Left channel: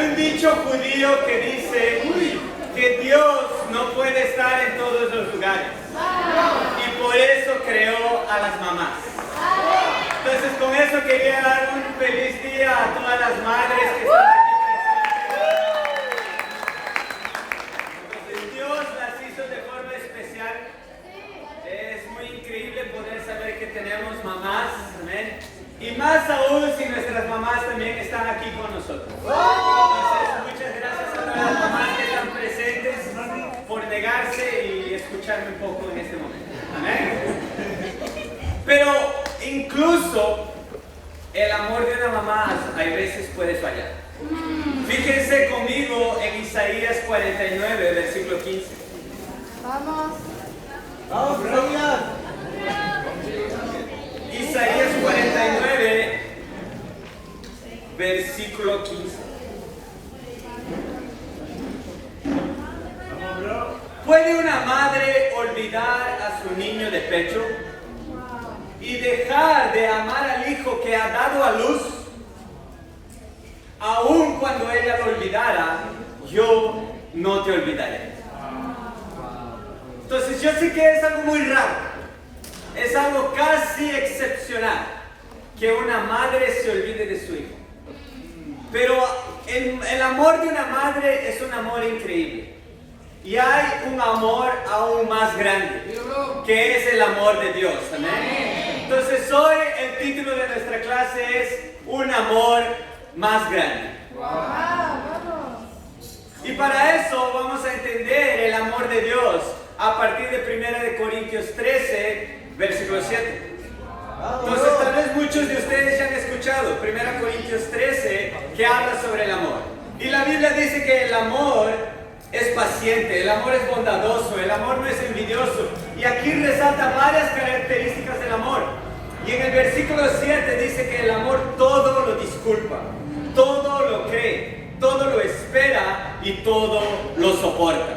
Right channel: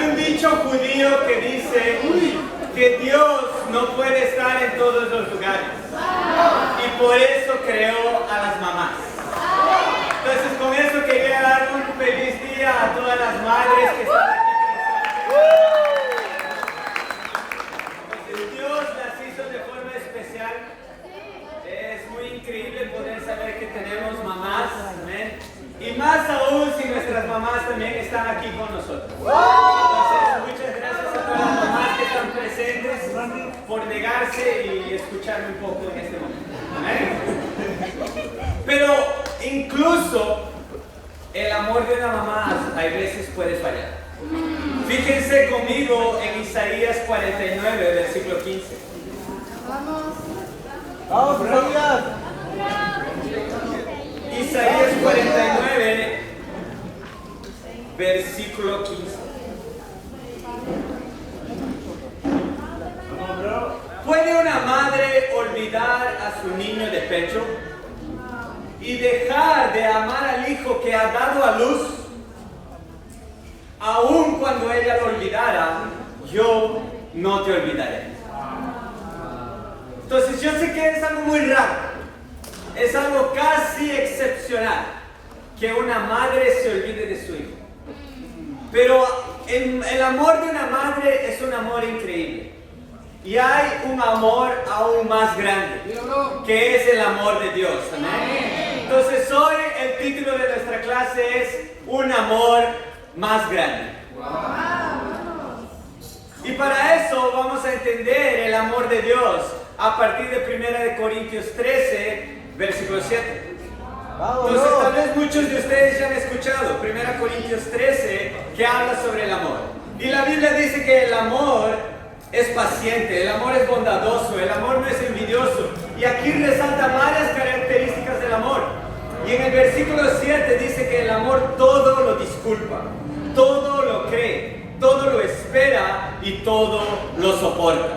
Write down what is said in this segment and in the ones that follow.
Hay un dicho judío que dice que Dios no puede estar en todos los lugares y por eso creó a las mamás. Entonces con eso quería dar un feliz día a todas las madres que están aquí presentes. Entonces Dios las hizo de forma especial. Es muy increíble poder saber que tenemos mamás, amén. Y más aún si nuestras mamás también están aquí con nosotros. Entonces muchas gracias a todas las mamás que están presentes por negarse y escucharme un poco en este momento, amén. Pero incluso el amor de una mamá a veces puede fallar. Fíjense conmigo en Isaías 49, versículo 15. Vamos, Isaías. Isaías 49, versículo 15. ¿Puede una madre olvidar a su niño de pecho y dejar de amar al hijo que ha dado a luz? Aun cuando ella lo olvidara, yo no te olvidaré. Entonces yo sé que es algo muy raro. Es algo casi excepcional que una madre se olvide de su hijo. Pero el amor de una madre es un amor increíble. Y hay un amor aún más grande, que es el amor de Dios. ¿Amén? Entonces hoy el título de nuestra clase es Un amor más grande. Y para eso vamos a entender el amor de Dios a partir de 1 Corintios 13, versículo 7. Entonces tal vez muchos de ustedes ya han escuchado 1 Corintios 13 que habla sobre el amor. Y la Biblia dice que el amor es paciente, el amor es bondadoso, el amor no es envidioso. Y aquí resalta varias características del amor. Y en el versículo 7 dice que el amor todo lo disculpa, todo lo cree, todo lo espera y todo lo soporta.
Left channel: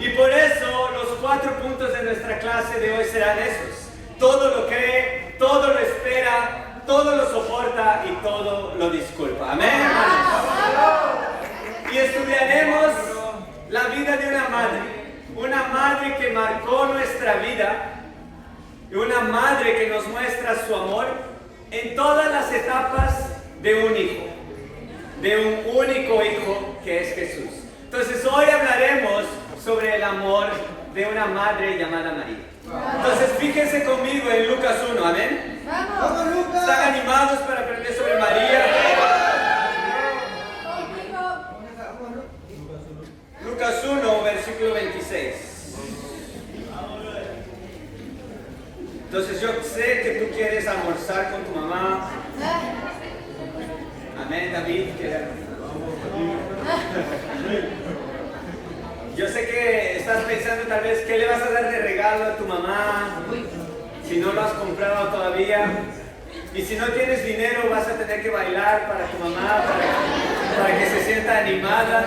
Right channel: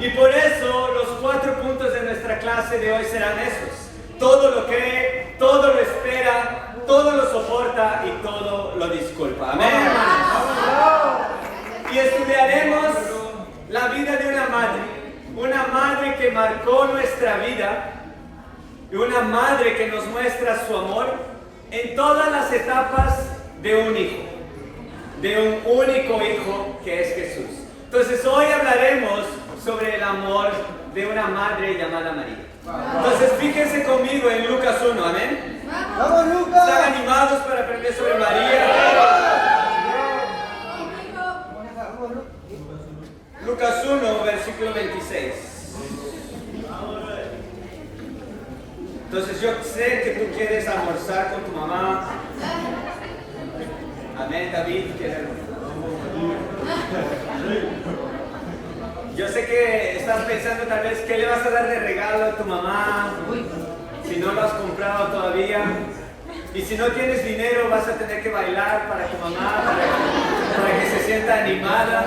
Y por eso los 4 puntos de nuestra clase de hoy serán esos. Todo lo cree, todo lo espera, todo lo soporta y todo lo disculpa. Amén, hermanos. Y estudiaremos la vida de una madre que marcó nuestra vida y una madre que nos muestra su amor en todas las etapas de un hijo, de un único hijo que es Jesús. Entonces hoy hablaremos sobre el amor de una madre llamada María. Entonces fíjense conmigo en Lucas 1, amén. Vamos, Lucas. ¿Están animados para aprender sobre María? Lucas 1, versículo 26. Entonces yo sé que tú quieres almorzar con tu mamá. Amén, David, quiere almorzar. Yo sé que estás pensando tal vez qué le vas a dar de regalo a tu mamá, si no lo has comprado todavía. Y si no tienes dinero vas a tener que bailar para tu mamá, para que se sienta animada.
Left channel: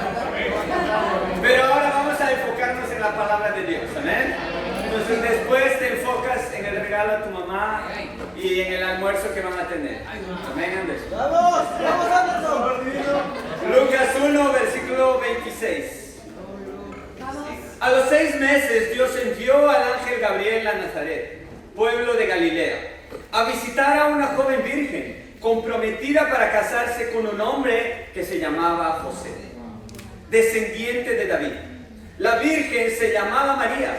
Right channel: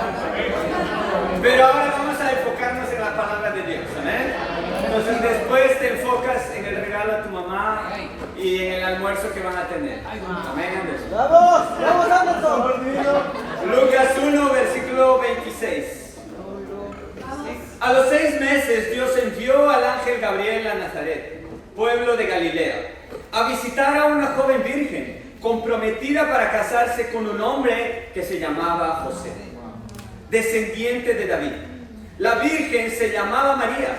Pero ahora vamos a enfocarnos en la palabra de Dios, ¿amén? Entonces después te enfocas en el regalo a tu mamá y en el almuerzo que van a tener. Amén, Andrés. Vamos, vamos. Lucas 1, versículo 26. A los 6 meses Dios envió al ángel Gabriel a Nazaret, pueblo de Galilea, a visitar a una joven virgen comprometida para casarse con un hombre que se llamaba José, descendiente de David. La virgen se llamaba María.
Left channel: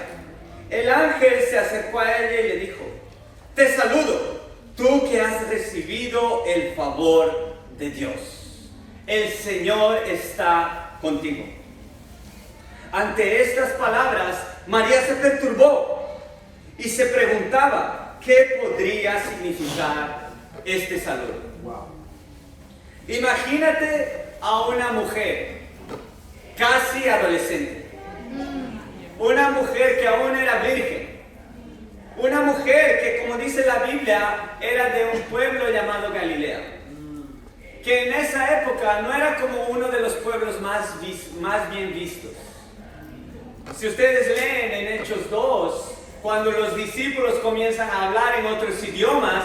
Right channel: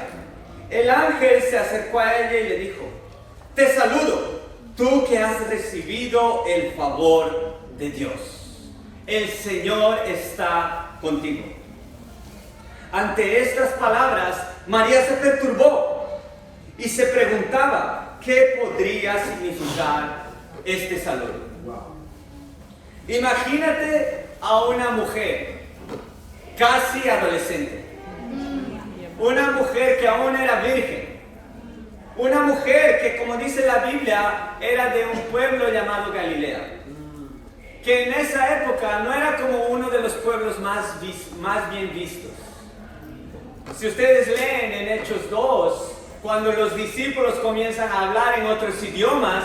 El ángel se acercó a ella y le dijo: te saludo, tú que has recibido el favor de Dios. El Señor está contigo. Ante estas palabras, María se perturbó y se preguntaba qué podría significar este saludo. Imagínate a una mujer casi adolescente, una mujer que aún era virgen, una mujer que, como dice la Biblia, era de un pueblo llamado Galilea, que en esa época no era como uno de los pueblos más bien vistos. Si ustedes leen en Hechos 2, cuando los discípulos comienzan a hablar en otros idiomas,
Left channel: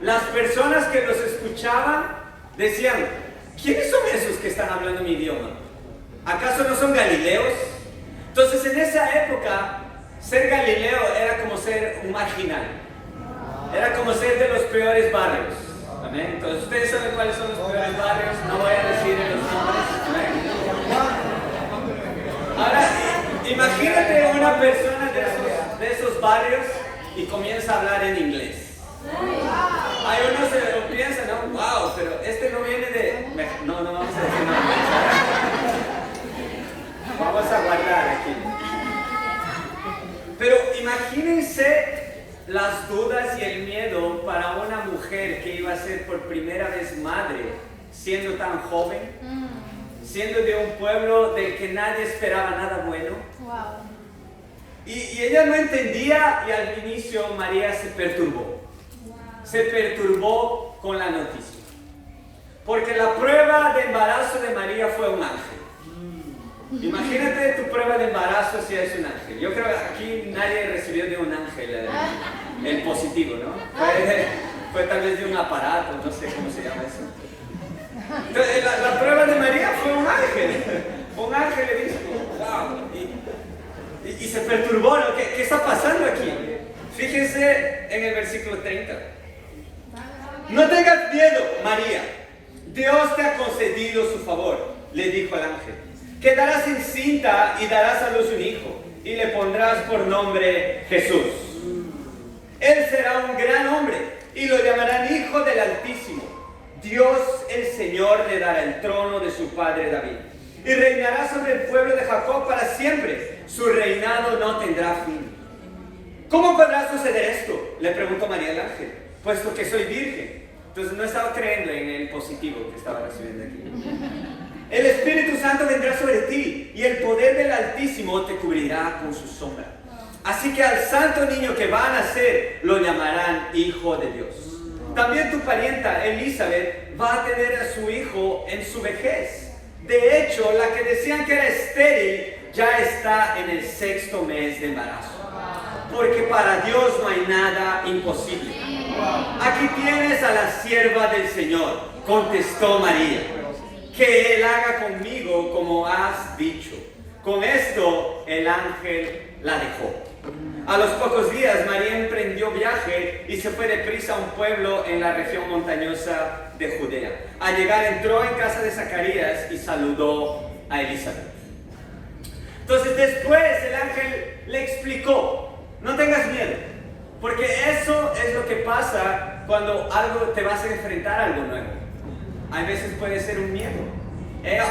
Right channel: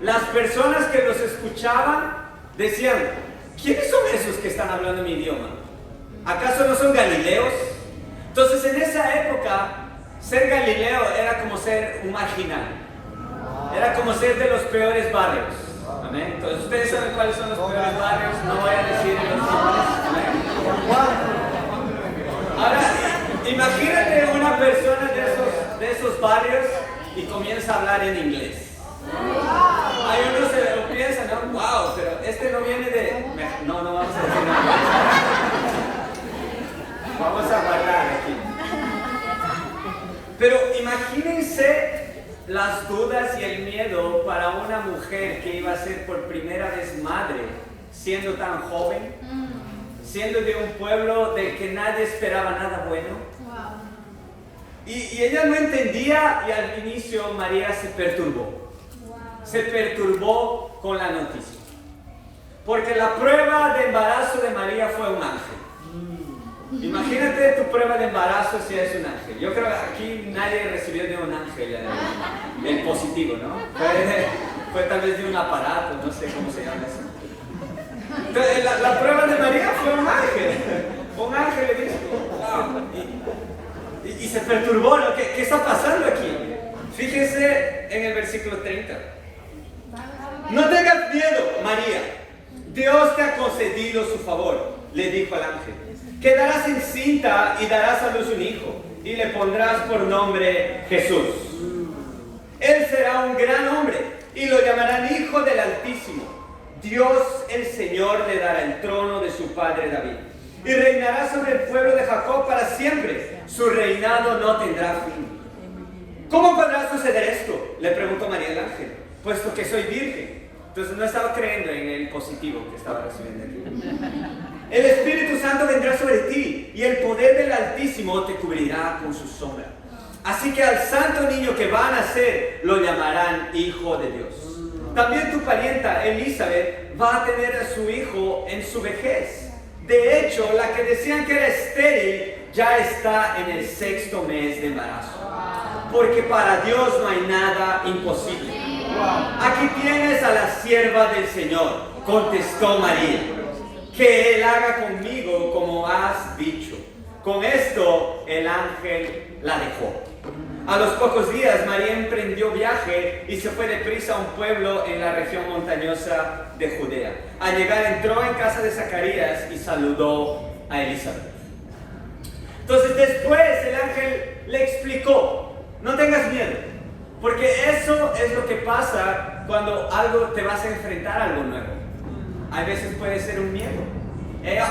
las personas que los escuchaban decían: ¿quiénes son esos que están hablando mi idioma? ¿Acaso no son galileos? Entonces en esa época, ser galileo era como ser un marginal. Era como ser de los peores barrios. Amén. Entonces ustedes saben cuáles son los peores barrios, no voy a decir los nombres. Amén. Ahora, imagínate una persona de esos barrios y comienza a hablar en inglés. Hay uno se piensa, ¿no? Wow, pero este no viene de... No vamos a decir nada. Vamos a guardar aquí. Pero imagínense las dudas y el miedo para una mujer que iba a ser por primera vez madre, siendo tan joven, siendo de un pueblo del que nadie esperaba nada bueno. Y ella no entendía, y al inicio María se perturbó. Se perturbó con la noticia. Porque la prueba de embarazo de María fue un ángel. Imagínate tu prueba de embarazo si es un ángel. Yo creo que aquí nadie recibió de un ángel el positivo, ¿no? Fue tal vez de un aparato, no sé cómo se llama eso. Entonces, la prueba de María fue un ángel. Un ángel le dijo, wow. Y se perturbó, ¿no? ¿Qué está pasando aquí? Fíjense en el versículo 30. No tengas miedo, María. Dios te ha concedido su favor, le dijo el ángel. Quedarás encinta y darás a luz un hijo, y le pondrás por nombre Jesús. Él será un gran hombre, y lo llamarán Hijo del Altísimo. Dios, el Señor, le dará el trono de su padre David, y reinará sobre el pueblo de Jacob para siempre. Su reinado no tendrá fin. ¿Cómo podrá suceder esto?, le preguntó María al ángel, puesto que soy virgen. Entonces no estaba creyendo en el positivo que estaba recibiendo aquí. El Espíritu Santo vendrá sobre ti, y el poder del Altísimo te cubrirá con su sombra. Así que al santo niño que va a nacer lo llamarán Hijo de Dios. También tu parienta Elizabeth va a tener a su hijo en su vejez. De hecho, la que decían que era estéril ya está en el 6º mes de embarazo. Porque para Dios no hay nada imposible. Aquí tienes a la sierva del Señor, contestó María. Que Él haga conmigo como has dicho. Con esto el ángel la dejó. A los pocos días María emprendió viaje y se fue deprisa a un pueblo en la región montañosa de Judea. Al llegar entró en casa de Zacarías y saludó a Elizabeth. Entonces después el ángel le explicó, no tengas miedo, porque eso es lo que pasa cuando te vas a enfrentar a algo nuevo. A veces puede ser un miedo.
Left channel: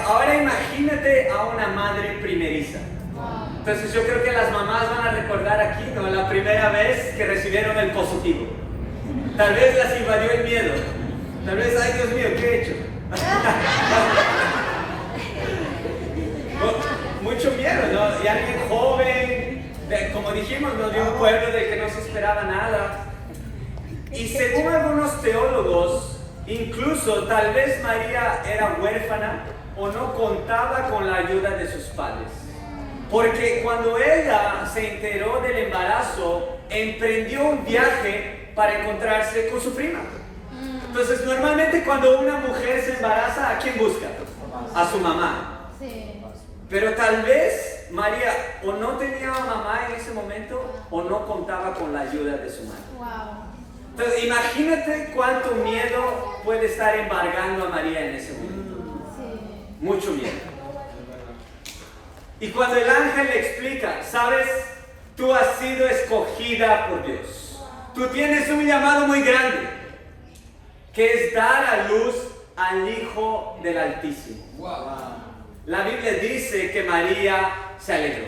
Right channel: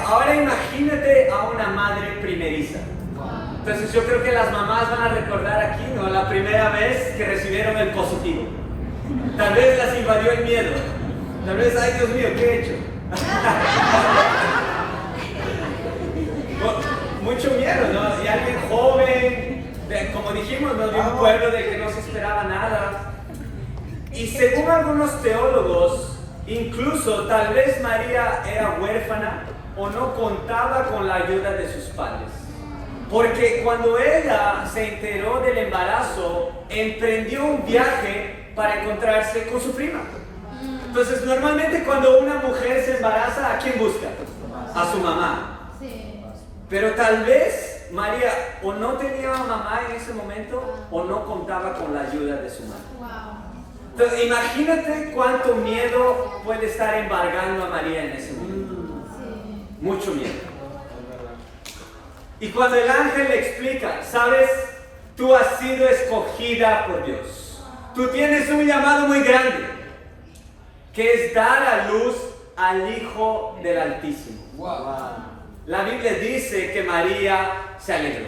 Ahora imagínate a una madre primeriza. Entonces yo creo que las mamás van a recordar aquí, ¿no?, la primera vez que recibieron el positivo. Tal vez las invadió el miedo. Tal vez, ay Dios mío, ¿qué he hecho? Mucho miedo, ¿no? Y alguien joven, como dijimos, ¿no?, de un pueblo del que no se esperaba nada. Y según algunos teólogos, incluso tal vez María era huérfana o no contaba con la ayuda de sus padres. Porque cuando ella se enteró del embarazo, emprendió un viaje para encontrarse con su prima. Entonces, normalmente cuando una mujer se embaraza, ¿a quién busca? A su mamá. Pero tal vez María o no tenía mamá en ese momento o no contaba con la ayuda de su madre. Entonces, imagínate cuánto miedo puede estar embargando a María en ese momento. Mucho miedo. Y cuando el ángel le explica, sabes, tú has sido escogida por Dios. Tú tienes un llamado muy grande, que es dar a luz al Hijo del Altísimo. La Biblia dice que María se alegró.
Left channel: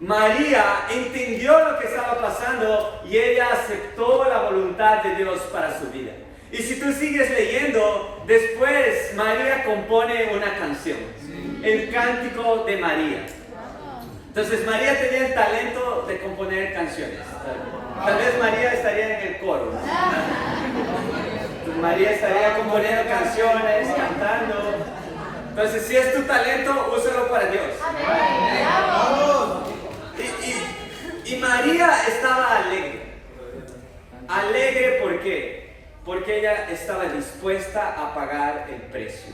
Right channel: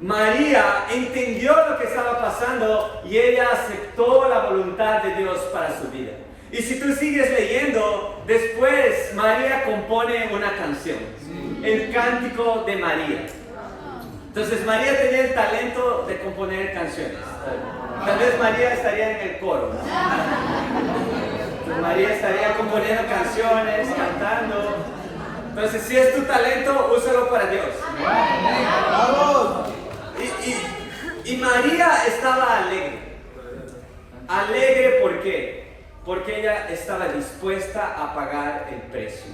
María entendió lo que estaba pasando y ella aceptó la voluntad de Dios para su vida. Y si tú sigues leyendo, después María compone una canción, el Cántico de María. Entonces María tenía el talento de componer canciones. Tal vez María estaría en el coro, ¿no? Entonces, María estaría componiendo canciones, cantando. Entonces, si es tu talento, úsalo para Dios. Y María estaba alegre. Alegre, ¿por qué? porque ella estaba dispuesta a pagar el precio.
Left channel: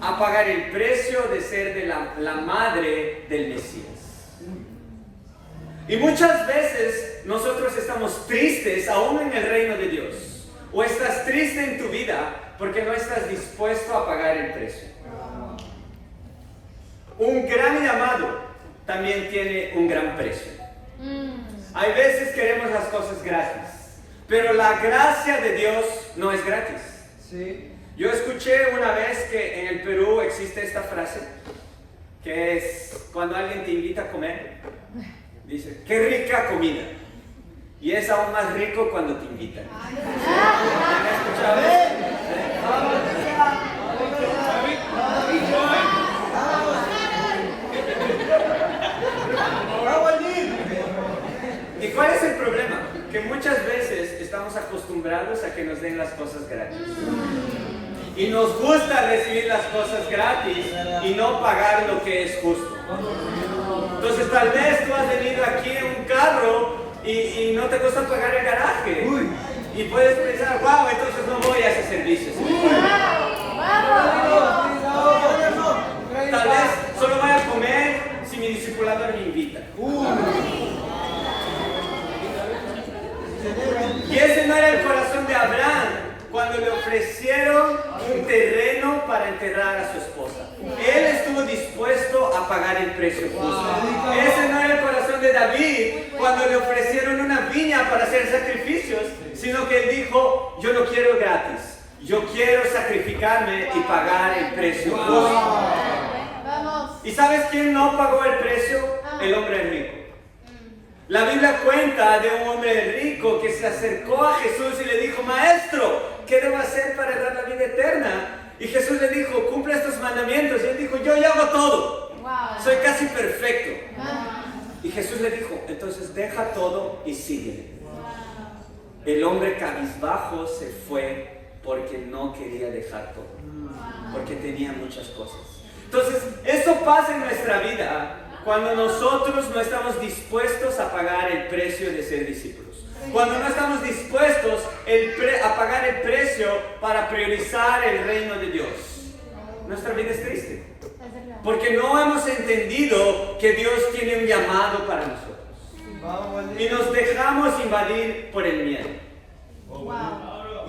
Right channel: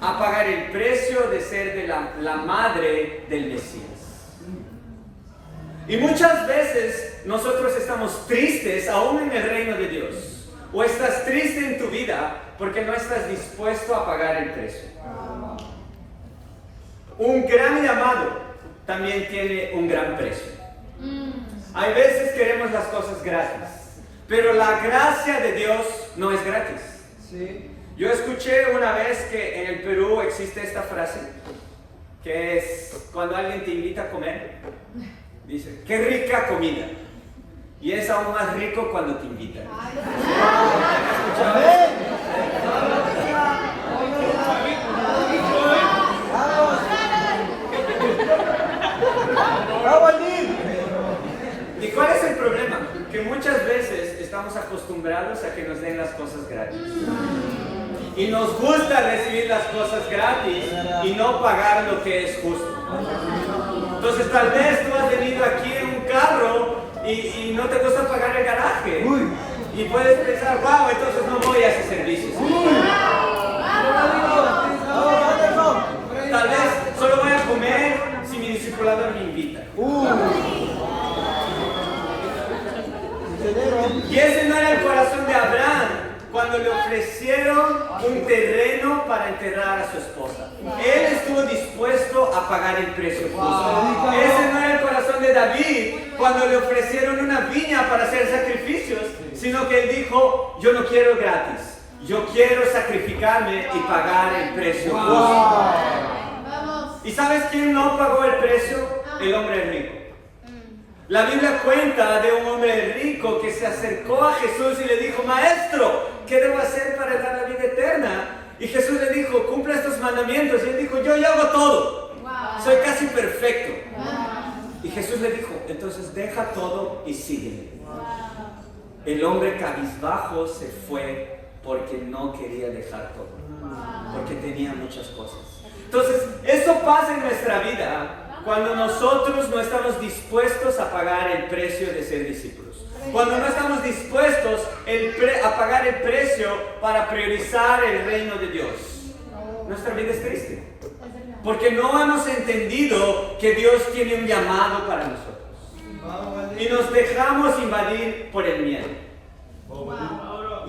A pagar el precio de ser de la madre del Mesías. Y muchas veces nosotros estamos tristes aún en el reino de Dios. O estás triste en tu vida porque no estás dispuesto a pagar el precio. Un gran llamado también tiene un gran precio. Hay veces queremos las cosas gratis, pero la gracia de Dios no es gratis. Sí. Yo escuché una vez que en el Perú existe esta frase, que es cuando alguien te invita a comer, dice, qué rica comida. Y es aún más rico cuando te invitan. ¿Y cuál es el problema? Que muchas veces estamos acostumbrados a que nos den las cosas gratis. Y nos gusta recibir las cosas gratis y no pagar lo que es justo. Entonces tal vez tú has venido aquí en un carro y no te gusta pagar el garaje. Y puedes pensar, wow, entonces no voy a ese servicio. Tal vez solo voy a comer si mi discipulador me invita. Y ese no era el corazón de Abraham cuando le ofrecieron un terreno para enterrar a su esposa. Él estuvo dispuesto a pagar el precio justo. Ese no era el corazón de David cuando le ofrecieron una viña para hacer sacrificios, sino que él dijo, yo no quiero gratis, yo quiero sacrificarme y pagar el precio justo. ¿Y sabes quién no pagó el precio? El hombre rico. La Biblia cuenta de un hombre rico que se acercó a Jesús y le dijo, Maestro, ¿qué debo hacer para dar la vida eterna? Y Jesús le dijo, cumple estos mandamientos. Y él dijo, yo ya hago todo. Soy casi perfecto. Y Jesús le dijo, entonces deja todo y sígueme. El hombre cabizbajo se fue porque no quería dejar todo. Porque tenía muchas cosas. Entonces, eso pasa en nuestra vida cuando nosotros no estamos dispuestos a pagar el precio de ser discípulos. Cuando no estamos dispuestos a pagar el precio para priorizar el reino de Dios. Nuestra vida es triste. Porque no hemos entendido que Dios tiene un llamado para nosotros. Y nos dejamos invadir por el miedo.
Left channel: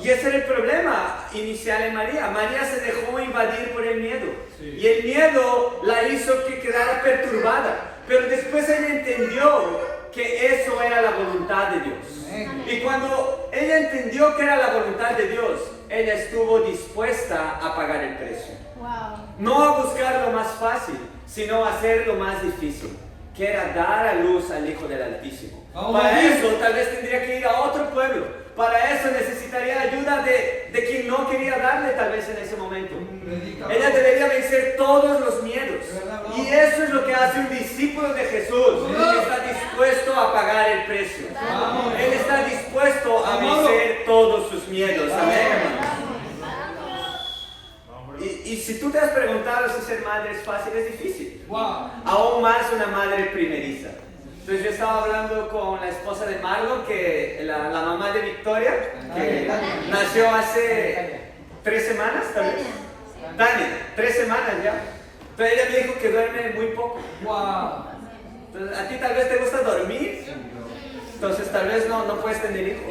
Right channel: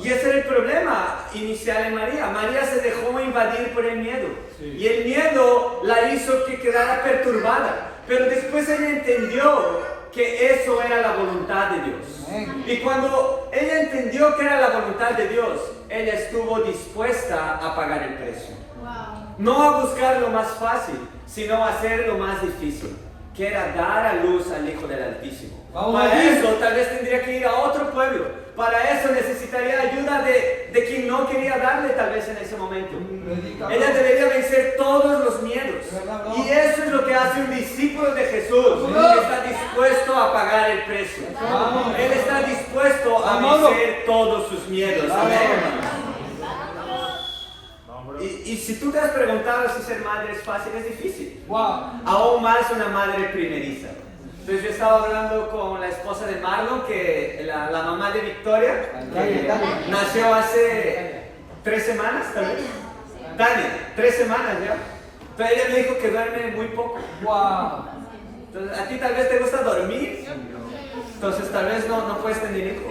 Y ese era el problema inicial en María. María se dejó invadir por el miedo. Y el miedo la hizo que quedara perturbada. Pero después ella entendió que eso era la voluntad de Dios. Y cuando ella entendió que era la voluntad de Dios, ella estuvo dispuesta a pagar el precio. No a buscar lo más fácil, sino a hacer lo más difícil, que era dar a luz al Hijo del Altísimo. Para eso tal vez tendría que ir a otro pueblo. Para eso necesitaría ayuda de quien no quería darle tal vez en ese momento. Ella debería vencer todos los miedos. Y eso es lo que hace un discípulo de Jesús. Él está dispuesto a pagar el precio. Él está dispuesto a vencer todos sus miedos. Amén. Y si tú te has preguntado si ser madre es fácil, es difícil. Aún más una madre primeriza. Entonces yo estaba hablando con la esposa de Marlon, que la mamá de Victoria, que nació hace 3 semanas, tal vez. Tania, 3 semanas ya. Entonces ella me dijo que duerme muy poco. Entonces a ti tal vez te gusta dormir, entonces tal vez no puedes tener hijos.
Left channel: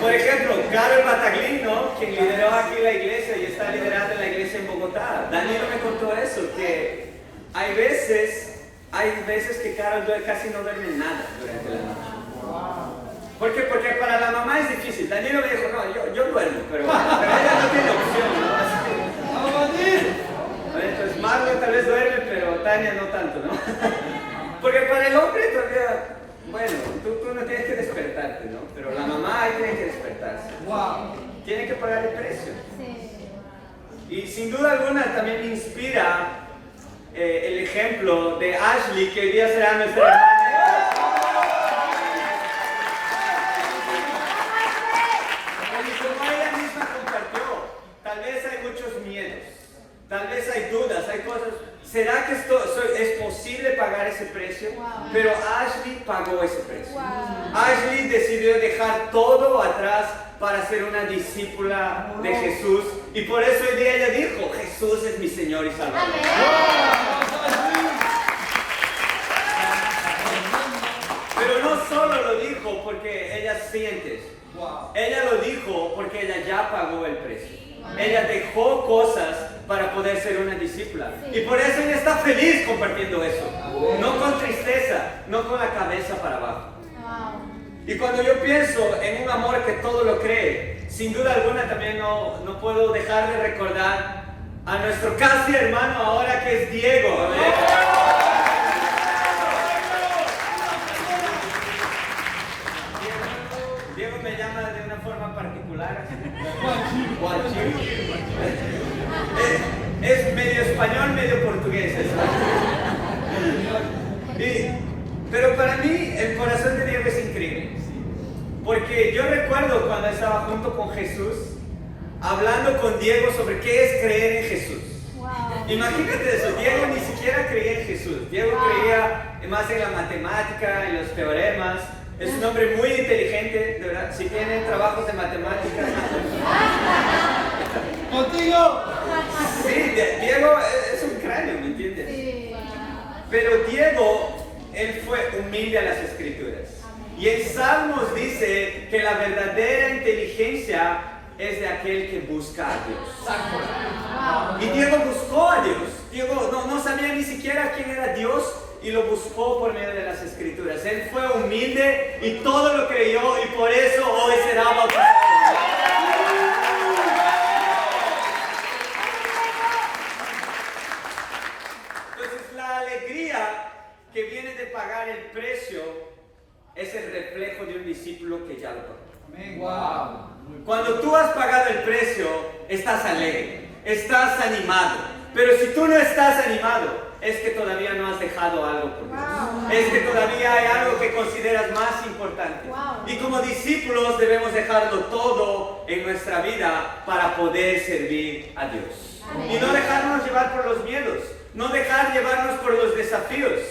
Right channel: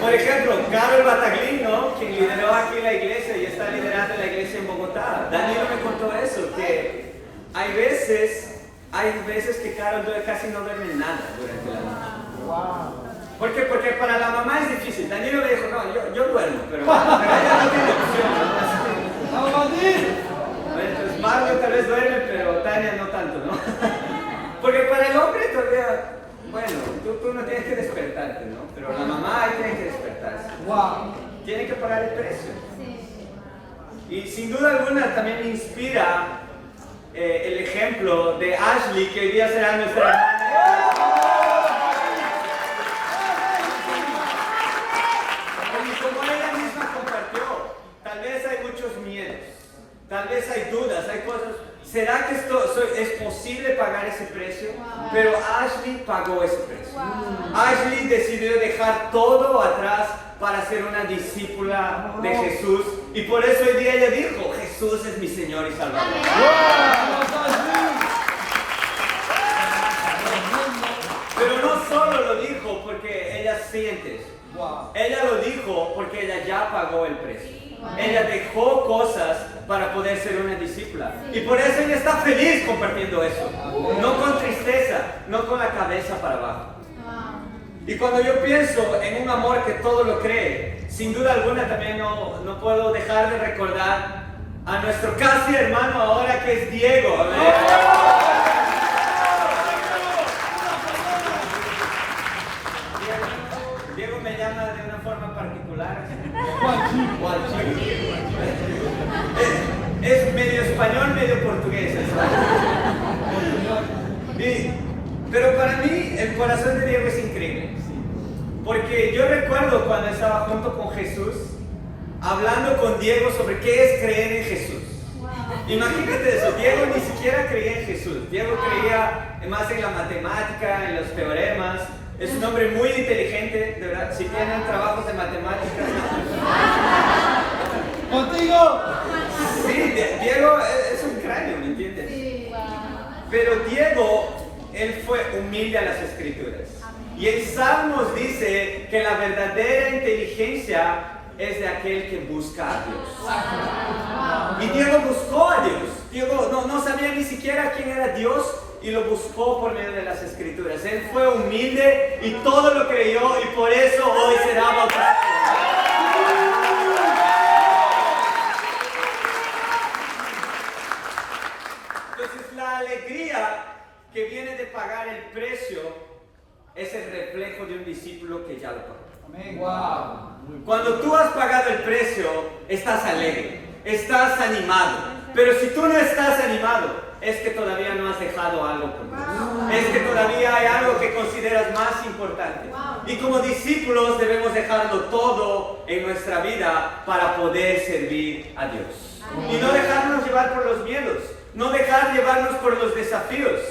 Por ejemplo, Carol Bataglino, quien lideró aquí la iglesia y está liderando la iglesia en Bogotá. Daniel me contó eso, que hay veces que Carol casi no duerme nada durante la noche. ¿Por qué? Porque para la mamá es difícil. Daniel me dijo, no, yo duermo, pero ella no tiene opción, ¿no? Entonces Marlon tal vez duerme, pero Tania no tanto, ¿no? Porque para el hombre todavía... Bueno, tú no tienes que despertarte, ¿no? Pero la mamá ahí tiene que despertarse. Tiene que pagar el precio. Y sin duda alguna también me inspira el ejemplo de Ashley, que hoy día será nuestra hermana. Y como ella misma compartió, tal vez hay muchos miedos, tal vez hay dudas, hay cosas. ¿Será que es posible pagar ese ese precio, pero Ashley pagó ese precio. Ashley decidió dejar todo atrás para ser una discípula de Jesús, y por eso hoy día ella dijo, Jesús es mi Señor y Salvador. Pero no solo lo dijo porque ella siente eso. Ella lo dijo porque ella ya pagó el precio. Ella dejó cosas para poder ser una discípula. Y por eso ella está feliz compartiendo eso. No con tristeza, no con la cabeza para abajo. Y cuando yo pienso en un amor que todo lo cree, sin duda alguna también no puedo dejar de recordar a nuestro casi hermano ahora, que es Diego. Amén. Diego me llama de una forma particular. Es medio español, medio portugués. Pero para mí el corazón de Diego es increíble. Porque yo recuerdo cuando estaba junto con Jesús, hablando con Diego sobre qué es creer en Jesús. Imagínate eso, Diego ni siquiera creía en Jesús. Diego creía más en la matemática, en los teoremas. Es un hombre muy inteligente, de verdad. Si tienen trabajos de matemáticas. ¡Contigo! Sí, Diego es un cráneo, ¿me entiendes? Pero Diego, él fue humilde a las Escrituras. Y en Salmos dice que la verdadera inteligencia es de aquel que busca a Dios. Y Diego buscó a Dios. Diego no sabía ni siquiera quién era Dios, y lo buscó por medio de las Escrituras. Él fue humilde y todo lo creyó, y por eso hoy será bautizado. Entonces la alegría que viene de pagar el precio es el reflejo de un discípulo que ya lo pagó. Amén. Wow. Cuando tú has pagado el precio, estás alegre, estás animado. Pero si tú no estás animado, es que todavía no has dejado algo por Dios. Es que todavía hay algo que consideras más importante. Y como discípulos debemos dejarlo todo en nuestra vida para poder servir a Dios. Y no dejarnos llevar por los miedos, no dejar llevarnos por los desafíos.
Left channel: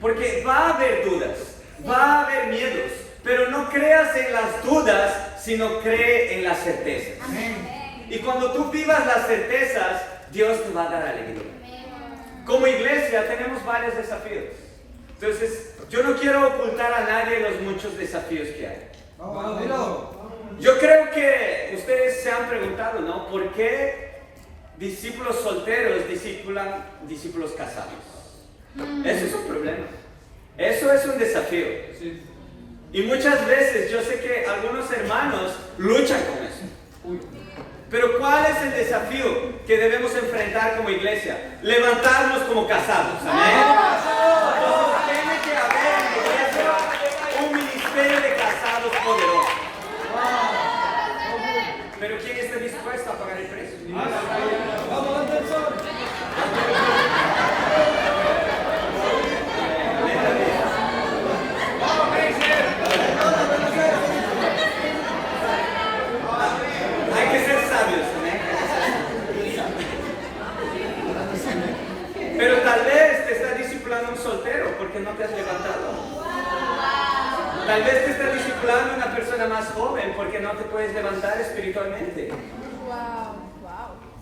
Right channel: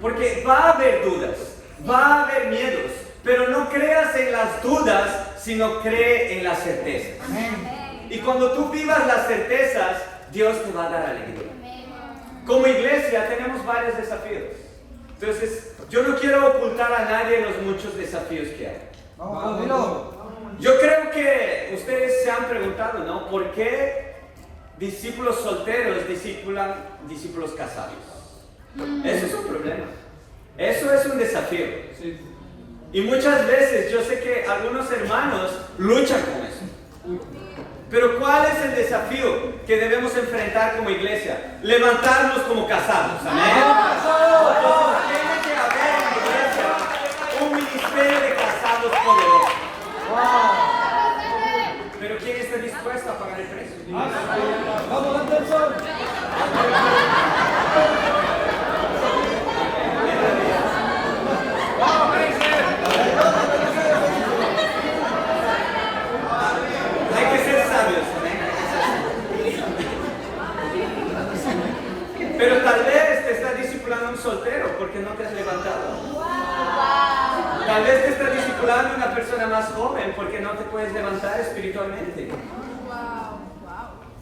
Porque va a haber dudas, va a haber miedos, pero no creas en las dudas, sino cree en las certezas. Y cuando tú vivas las certezas, Dios te va a dar alegría. Como iglesia tenemos varios desafíos. Entonces, yo no quiero ocultar a nadie los muchos desafíos que hay. Yo creo que ustedes se han preguntado, ¿no? ¿Por qué discípulos solteros discipulan discípulos casados? Eso es un problema. Eso es un desafío. Y muchas veces yo sé que algunos hermanos luchan con eso. Pero ¿cuál es el desafío que debemos enfrentar como iglesia? Levantarnos como casados. Amén. Entonces tiene que haber en la iglesia un ministerio de casados poderoso. Pero ¿quién está dispuesto a pagar el precio? Vamos, Anderson. Hay que ser sabios, ¿eh? Pero tal vez te está discipulando un soltero porque no te has levantado. Tal vez te está discipulando una persona más joven porque no te puedes levantar espiritualmente.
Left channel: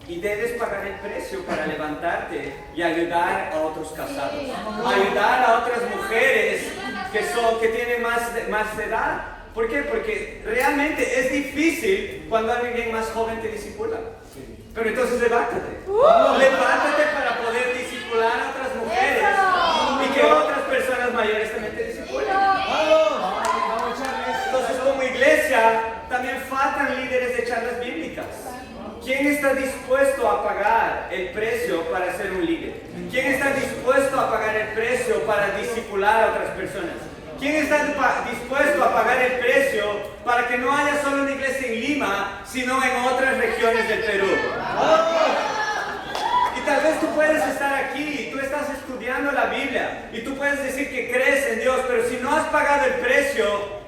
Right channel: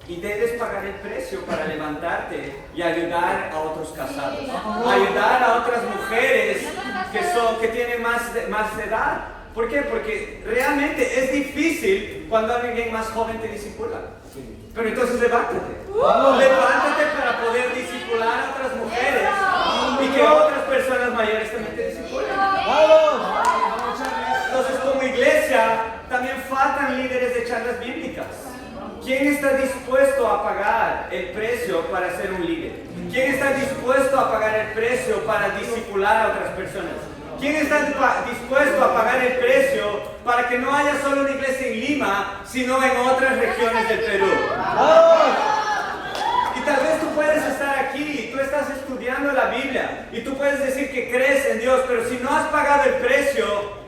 Y debes pagar el precio para levantarte y ayudar a otros casados. Ayudar a otras mujeres que tienen más edad. ¿Por qué? Porque realmente es difícil cuando alguien más joven te discipula. Pero entonces levántate. Levántate para poder discipular a otras mujeres y que otras personas mayores también te discipulen. Entonces, como iglesia, también faltan líderes de charlas bíblicas. ¿Quién está dispuesto a pagar el precio para ser un líder? ¿Quién está dispuesto a pagar el precio para discipular a otras personas? ¿Quién está dispuesto a pagar el precio para que no haya solo una iglesia en Lima, sino en otras regiones del Perú? Y tal vez tú puedes estar aquí y tú estás estudiando la Biblia y tú puedes decir que crees en Dios, pero si no has pagado el precio,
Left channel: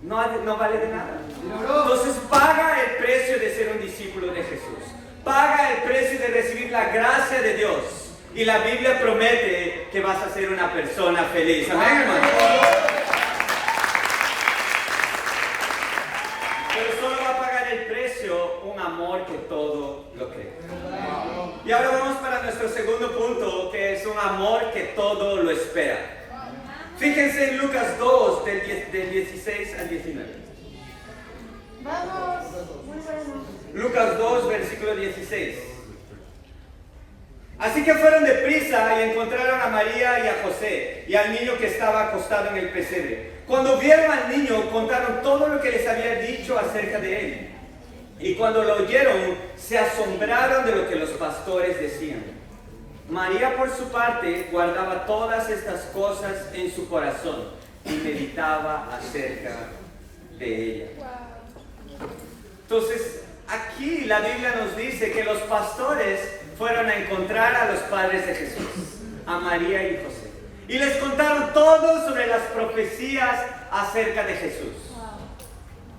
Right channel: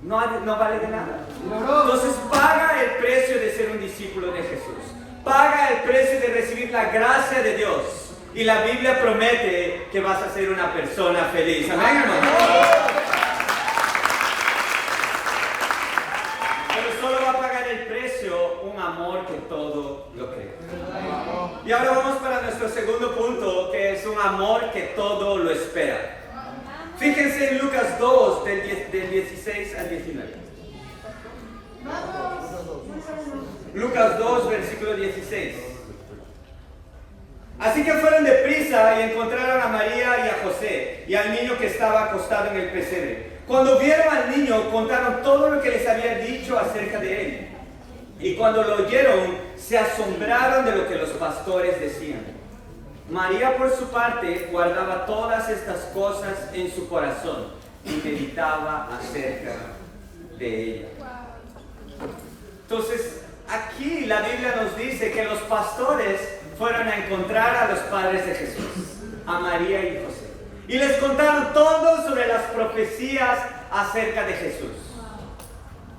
no vale de nada. Entonces paga el precio de ser un discípulo de Jesús. Paga el precio de recibir la gracia de Dios. Y la Biblia promete que vas a ser una persona feliz. Amén, hermano. Pero solo va a pagar el precio un amor que todo lo cree. Y ahora vamos para nuestro segundo punto, que es un amor que todo lo espera. Fíjense en Lucas 2, del 16 al 19. Lucas 2, versículo 16. Así que fueron deprisa y encontraron a María y a José y al niño que estaba acostado en el pesebre. Cuando vieron al niño, contaron todo lo que les había dicho acerca de él. Y cuando lo oyeron, se asombraron de lo que los pastores decían. María, por su parte, guardaba todas estas cosas en su corazón y meditaba acerca de ella. Entonces, aquí la Biblia nos dice que los pastores fueron a encontrar a los padres de Jesús, a María y José. Y les contaron todo sobre las profecías acerca de Jesús.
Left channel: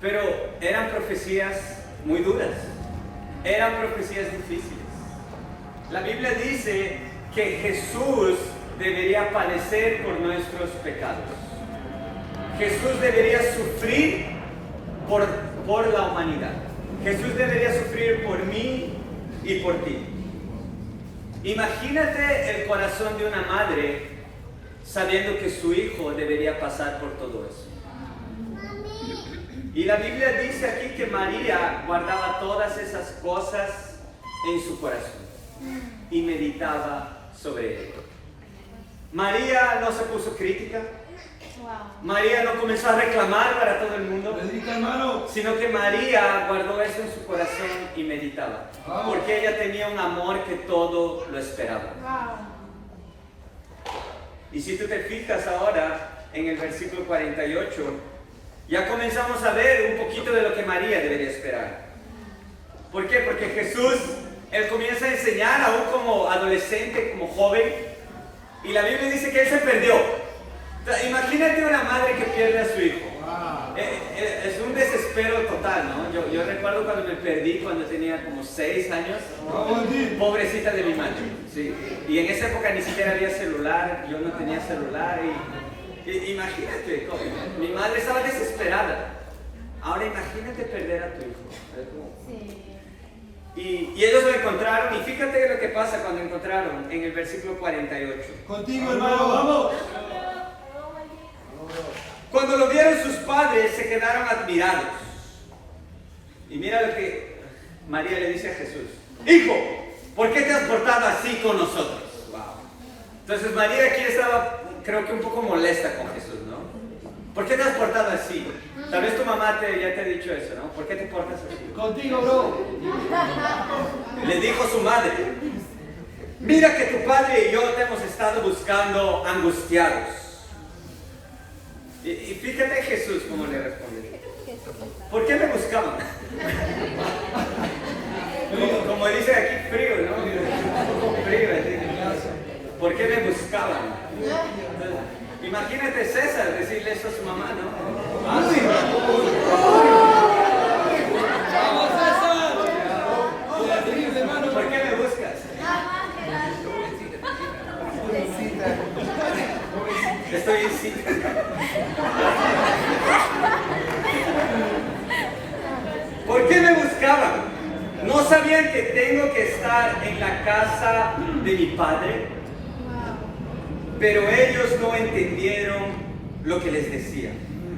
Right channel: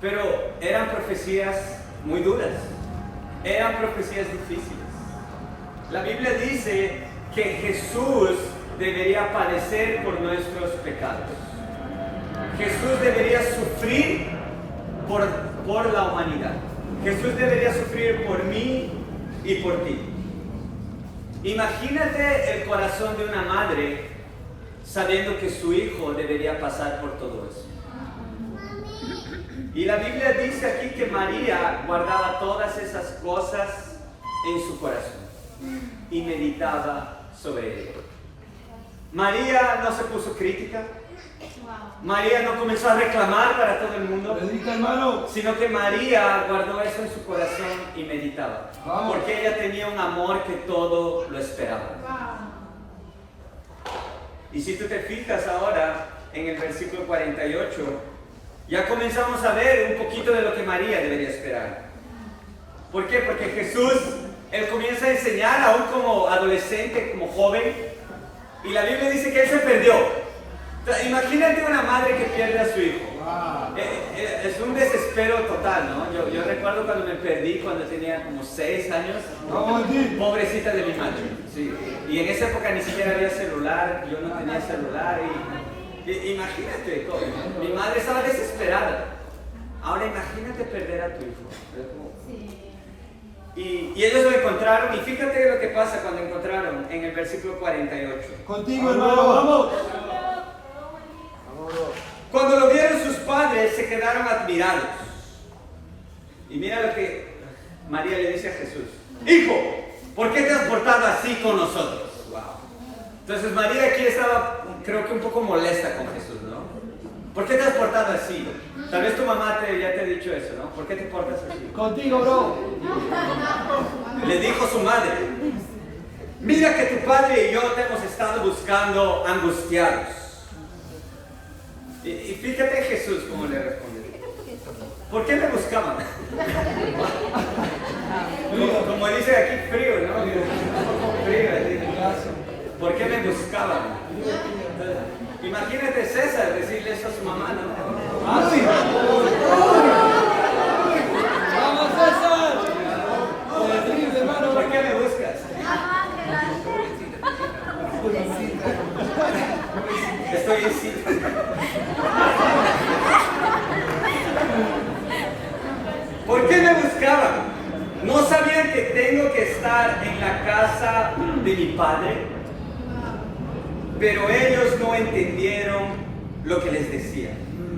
Pero eran profecías muy duras. Eran profecías difíciles. La Biblia dice que Jesús debería padecer por nuestros pecados. Jesús debería sufrir por la humanidad. Jesús debería sufrir por mí y por ti. Imagínate el corazón de una madre sabiendo que su hijo debería pasar por todo eso. Y la Biblia dice aquí que María guardaba todas esas cosas en su corazón y meditaba sobre ello. María no se puso crítica. María no comenzó a reclamar para todo el mundo, sino que María guardó eso en su corazón y meditaba. Porque ella tenía un amor que todo lo esperaba. Y si tú te fijas ahora en el versículo 48, ya comenzamos a ver un poquito de lo que María debería esperar. ¿Por qué? Porque Jesús, Él comienza a enseñar aún como adolescente, como joven, y la Biblia dice que Él se perdió. Imagínate una madre que pierde a su hijo. Es un desespero total, ¿no? Yo recuerdo cuando me perdí cuando tenía como 6 años. Pobrecita de mi madre. Sí. Y en esa época ni siquiera había celular, yo no tenía celular. Imagínate, mi madre estaba desesperada. Ahora imagínate perder a tu hijo. Y ellos lo encontraron, y fíjate lo que pasa cuando encontraron en el versículo 48. Contigo, hermano, vamos. Cuando lo vieron sus padres, se quedaron admirados. Y mira lo que María le dice a Jesús: Hijo, ¿por qué te has portado así con nosotros? Wow. Entonces María aquí estaba, creo que un poco molesta con Jesús, ¿no? ¿Por qué te has portado así? Tal vez tu mamá ya te ha dicho eso, ¿no? ¿Por qué te portas así? Contigo, bro. Le dijo su madre: Mira que tu padre y yo te hemos estado buscando angustiados. Y fíjate Jesús cómo le responde: ¿por qué me buscaban? Como dice aquí, frío, ¿no? Un poco frío, así. ¿Por qué me buscaban? Entonces, imagínate César decirle eso a su mamá, ¿no? ¡Ah, sí! ¡Vamos, César! ¿Por qué me buscas? Estoy en sitio. ¿Por qué me buscaban? ¿No sabían que tengo que estar en la casa de mi padre? Pero ellos no entendieron lo que les decía.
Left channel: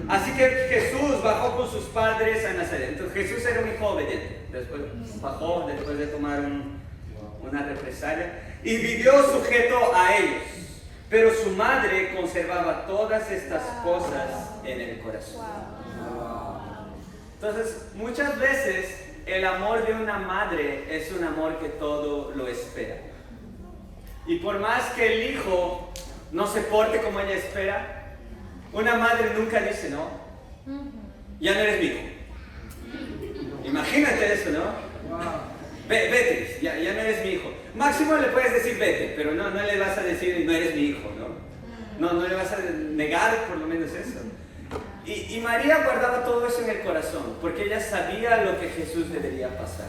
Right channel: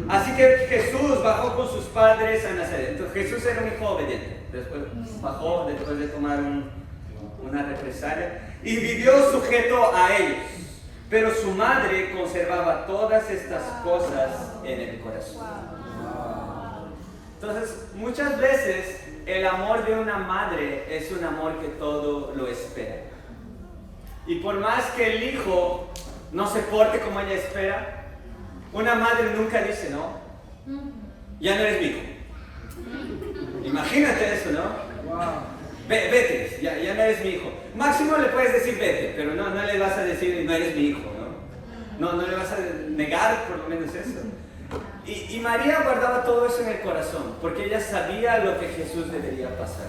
Así que Jesús bajó con sus padres a Nazaret. Entonces Jesús era un hijo obediente. Después bajó, después de tomar una represalia, y vivió sujeto a ellos. Pero su madre conservaba todas estas cosas en el corazón. Entonces, muchas veces el amor de una madre es un amor que todo lo espera. Y por más que el hijo no se porte como ella espera, una madre nunca dice: no, ya no eres mi hijo. Imagínate eso, ¿no? Vete, ya no eres mi hijo. Máximo le puedes decir vete, pero no le vas a decir no eres mi hijo, ¿no? No le vas a negar por lo menos eso. Y María guardaba todo eso en el corazón, porque ella sabía lo que Jesús debería pasar.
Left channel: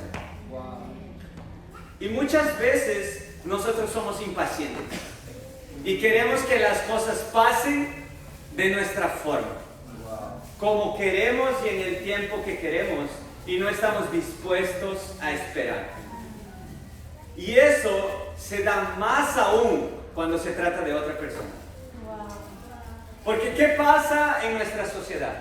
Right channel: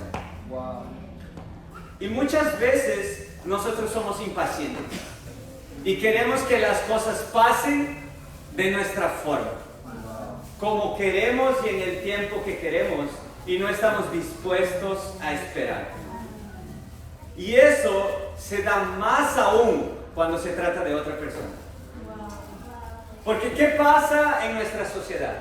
Y muchas veces nosotros somos impacientes y queremos que las cosas pasen de nuestra forma, como queremos y en el tiempo que queremos, y no estamos dispuestos a esperar. Y eso se da más aún cuando se trata de otra persona. Porque ¿qué pasa en nuestra sociedad?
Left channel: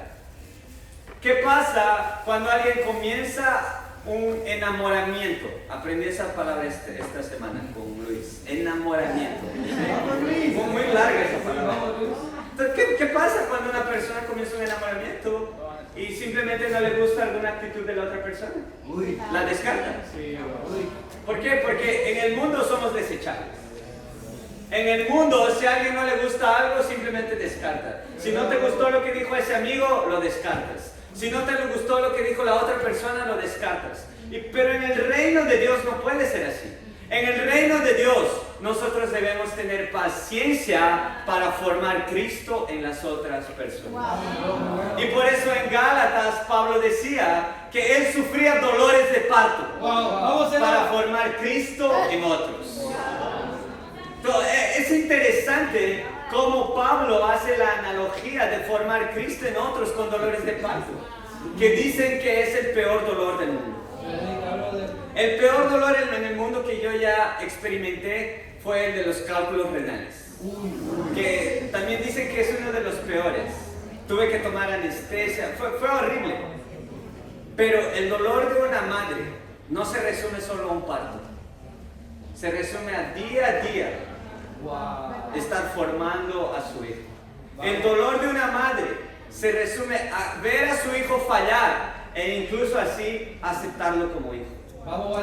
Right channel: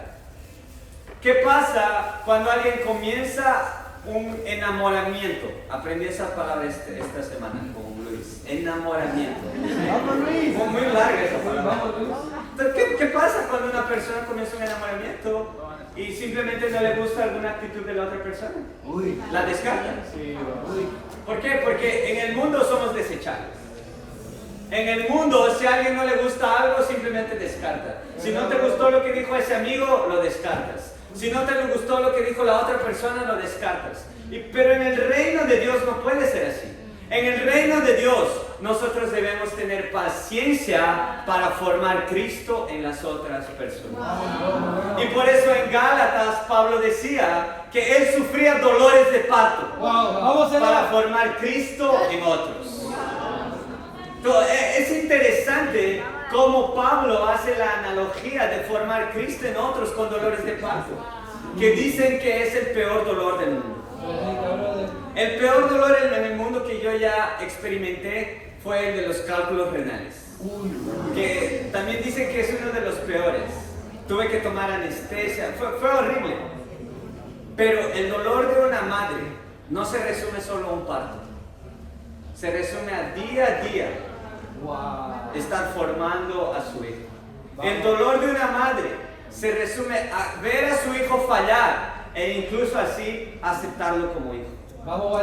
¿Qué pasa cuando alguien comienza un enamoramiento? Aprendí esa palabra esta semana con Luis. Enamoramiento. Fue muy larga esa palabra. Entonces, ¿qué pasa cuando una persona comienza un enamoramiento y simplemente no le gusta alguna actitud de la otra persona? La descarta. ¿Por qué? Porque en el mundo somos desechables. En el mundo, si a alguien no le gusta algo, simplemente descarta. Si no te gustó lo que dijo ese amigo, lo descartas. Si no te gustó lo que dijo la otra persona, lo descartas. Pero en el reino de Dios no puede ser así. En el reino de Dios, nosotros debemos tener paciencia para formar Cristo en las otras personas. Y por eso en Gálatas, Pablo decía que él sufría dolores de parto para formar Cristo en otros. Es interesante cómo Pablo hace la analogía de formar Cristo en otros con dolores de parto, que dicen que es el peor dolor del mundo. El peor dolor en el mundo que yo ya experimenté fue el de los cálculos renales, que también dicen que es uno de los peores. Tuve que tomar anestesia, fue horrible. Pero el dolor de una madre no se resume solo a un parto, se resume a día estar formando a su hijo. El dolor de una madre se resume a ver a su hijo fallar e incluso así aceptarlo como hijo.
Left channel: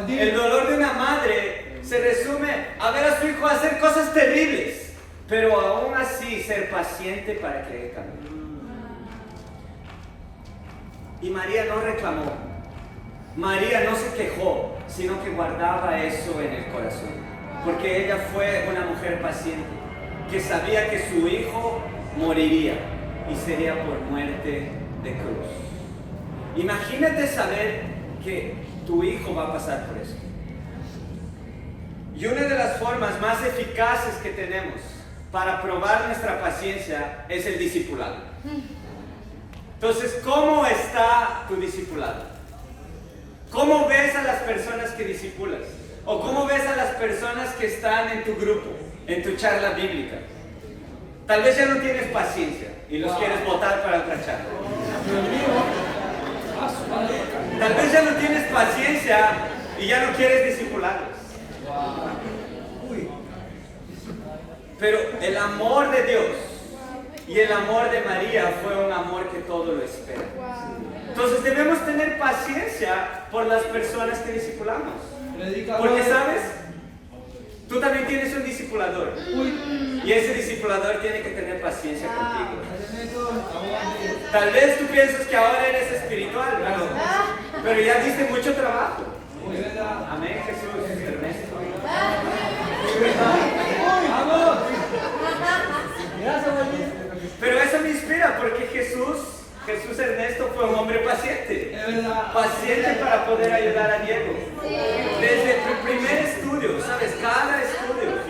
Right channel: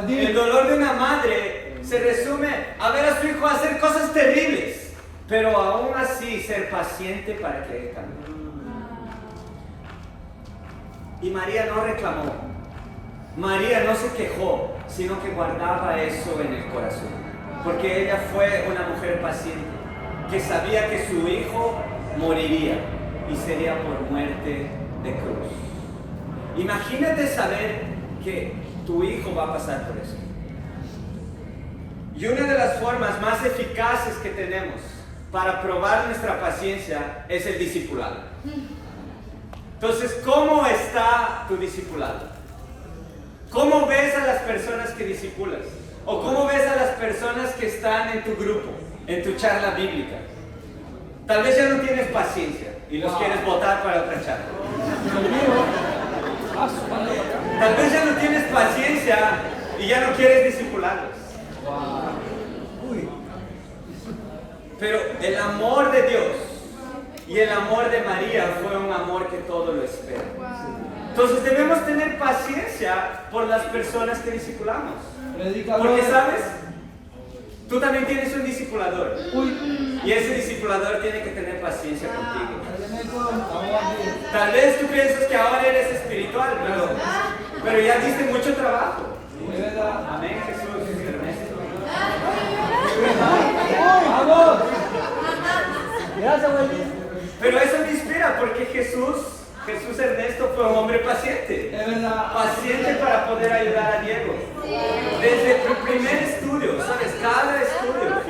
El dolor de una madre se resume a ver a su hijo hacer cosas terribles, pero aún así ser paciente para que él cambie. Y María no reclamó, María no se quejó, sino que guardaba eso en el corazón. Porque ella fue una mujer paciente, que sabía que su hijo moriría y sería por muerte de cruz. Imagínate saber que tu hijo va a pasar por eso. Y una de las formas más eficaces que tenemos para probar nuestra paciencia es el discipulado. Entonces, ¿cómo está tu discipulado? ¿Cómo ves a las personas que discipulas? ¿O cómo ves a las personas que están en tu grupo, en tu charla bíblica? Tal vez ya no tienes paciencia y los quieres botar para otra charla. Tal vez ya no tienes paciencia y ya no quieres discipularlos. Pero el amor de Dios y el amor de María fue un amor que todo lo espera. Entonces debemos tener paciencia por las personas que discipulamos. Porque, ¿sabes? Tú también tienes un discipulador. Y ese discipulador tiene que tener paciencia contigo. Tal vez tú piensas que ahora eres espiritual, pero ya diste mucho trabajo. Amén, Jesús. Ernesto. ¡Vamos! Pero eso me inspira porque Jesús Ernesto fue un hombre paciente. Paciente para poder ayudar a Diego. Desde el primer estudio, ¿sabes? Cada estudio.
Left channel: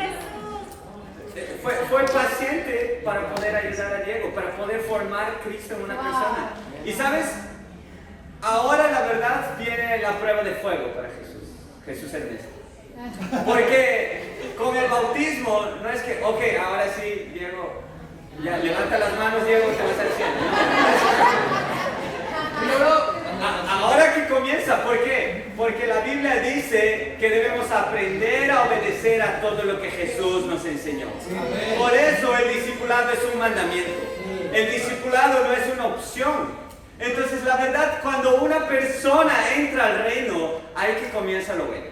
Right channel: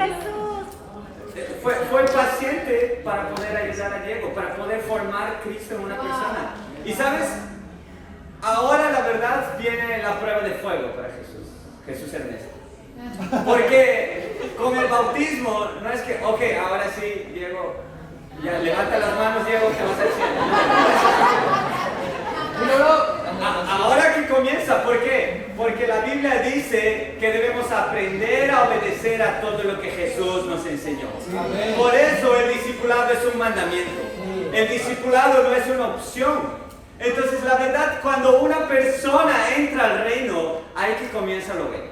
Fue paciente para poder ayudar a Diego, para poder formar Cristo en una persona. Y ¿sabes? Ahora la verdad viene la prueba de fuego para Jesús Ernesto. Porque con el bautismo no es que, ok, ahora sí, Diego, ya levanta las manos, Diego, que vas al cielo. Ahora que comienza, ¿por qué? Porque la Biblia dice que debemos aprender a obedecer a todo lo que Jesús nos enseñó. Por eso el discipulado es un mandamiento. El discipulado no es una opción. Entonces, la verdad, cuando una persona entra al reino, ahí que comienza lo bueno.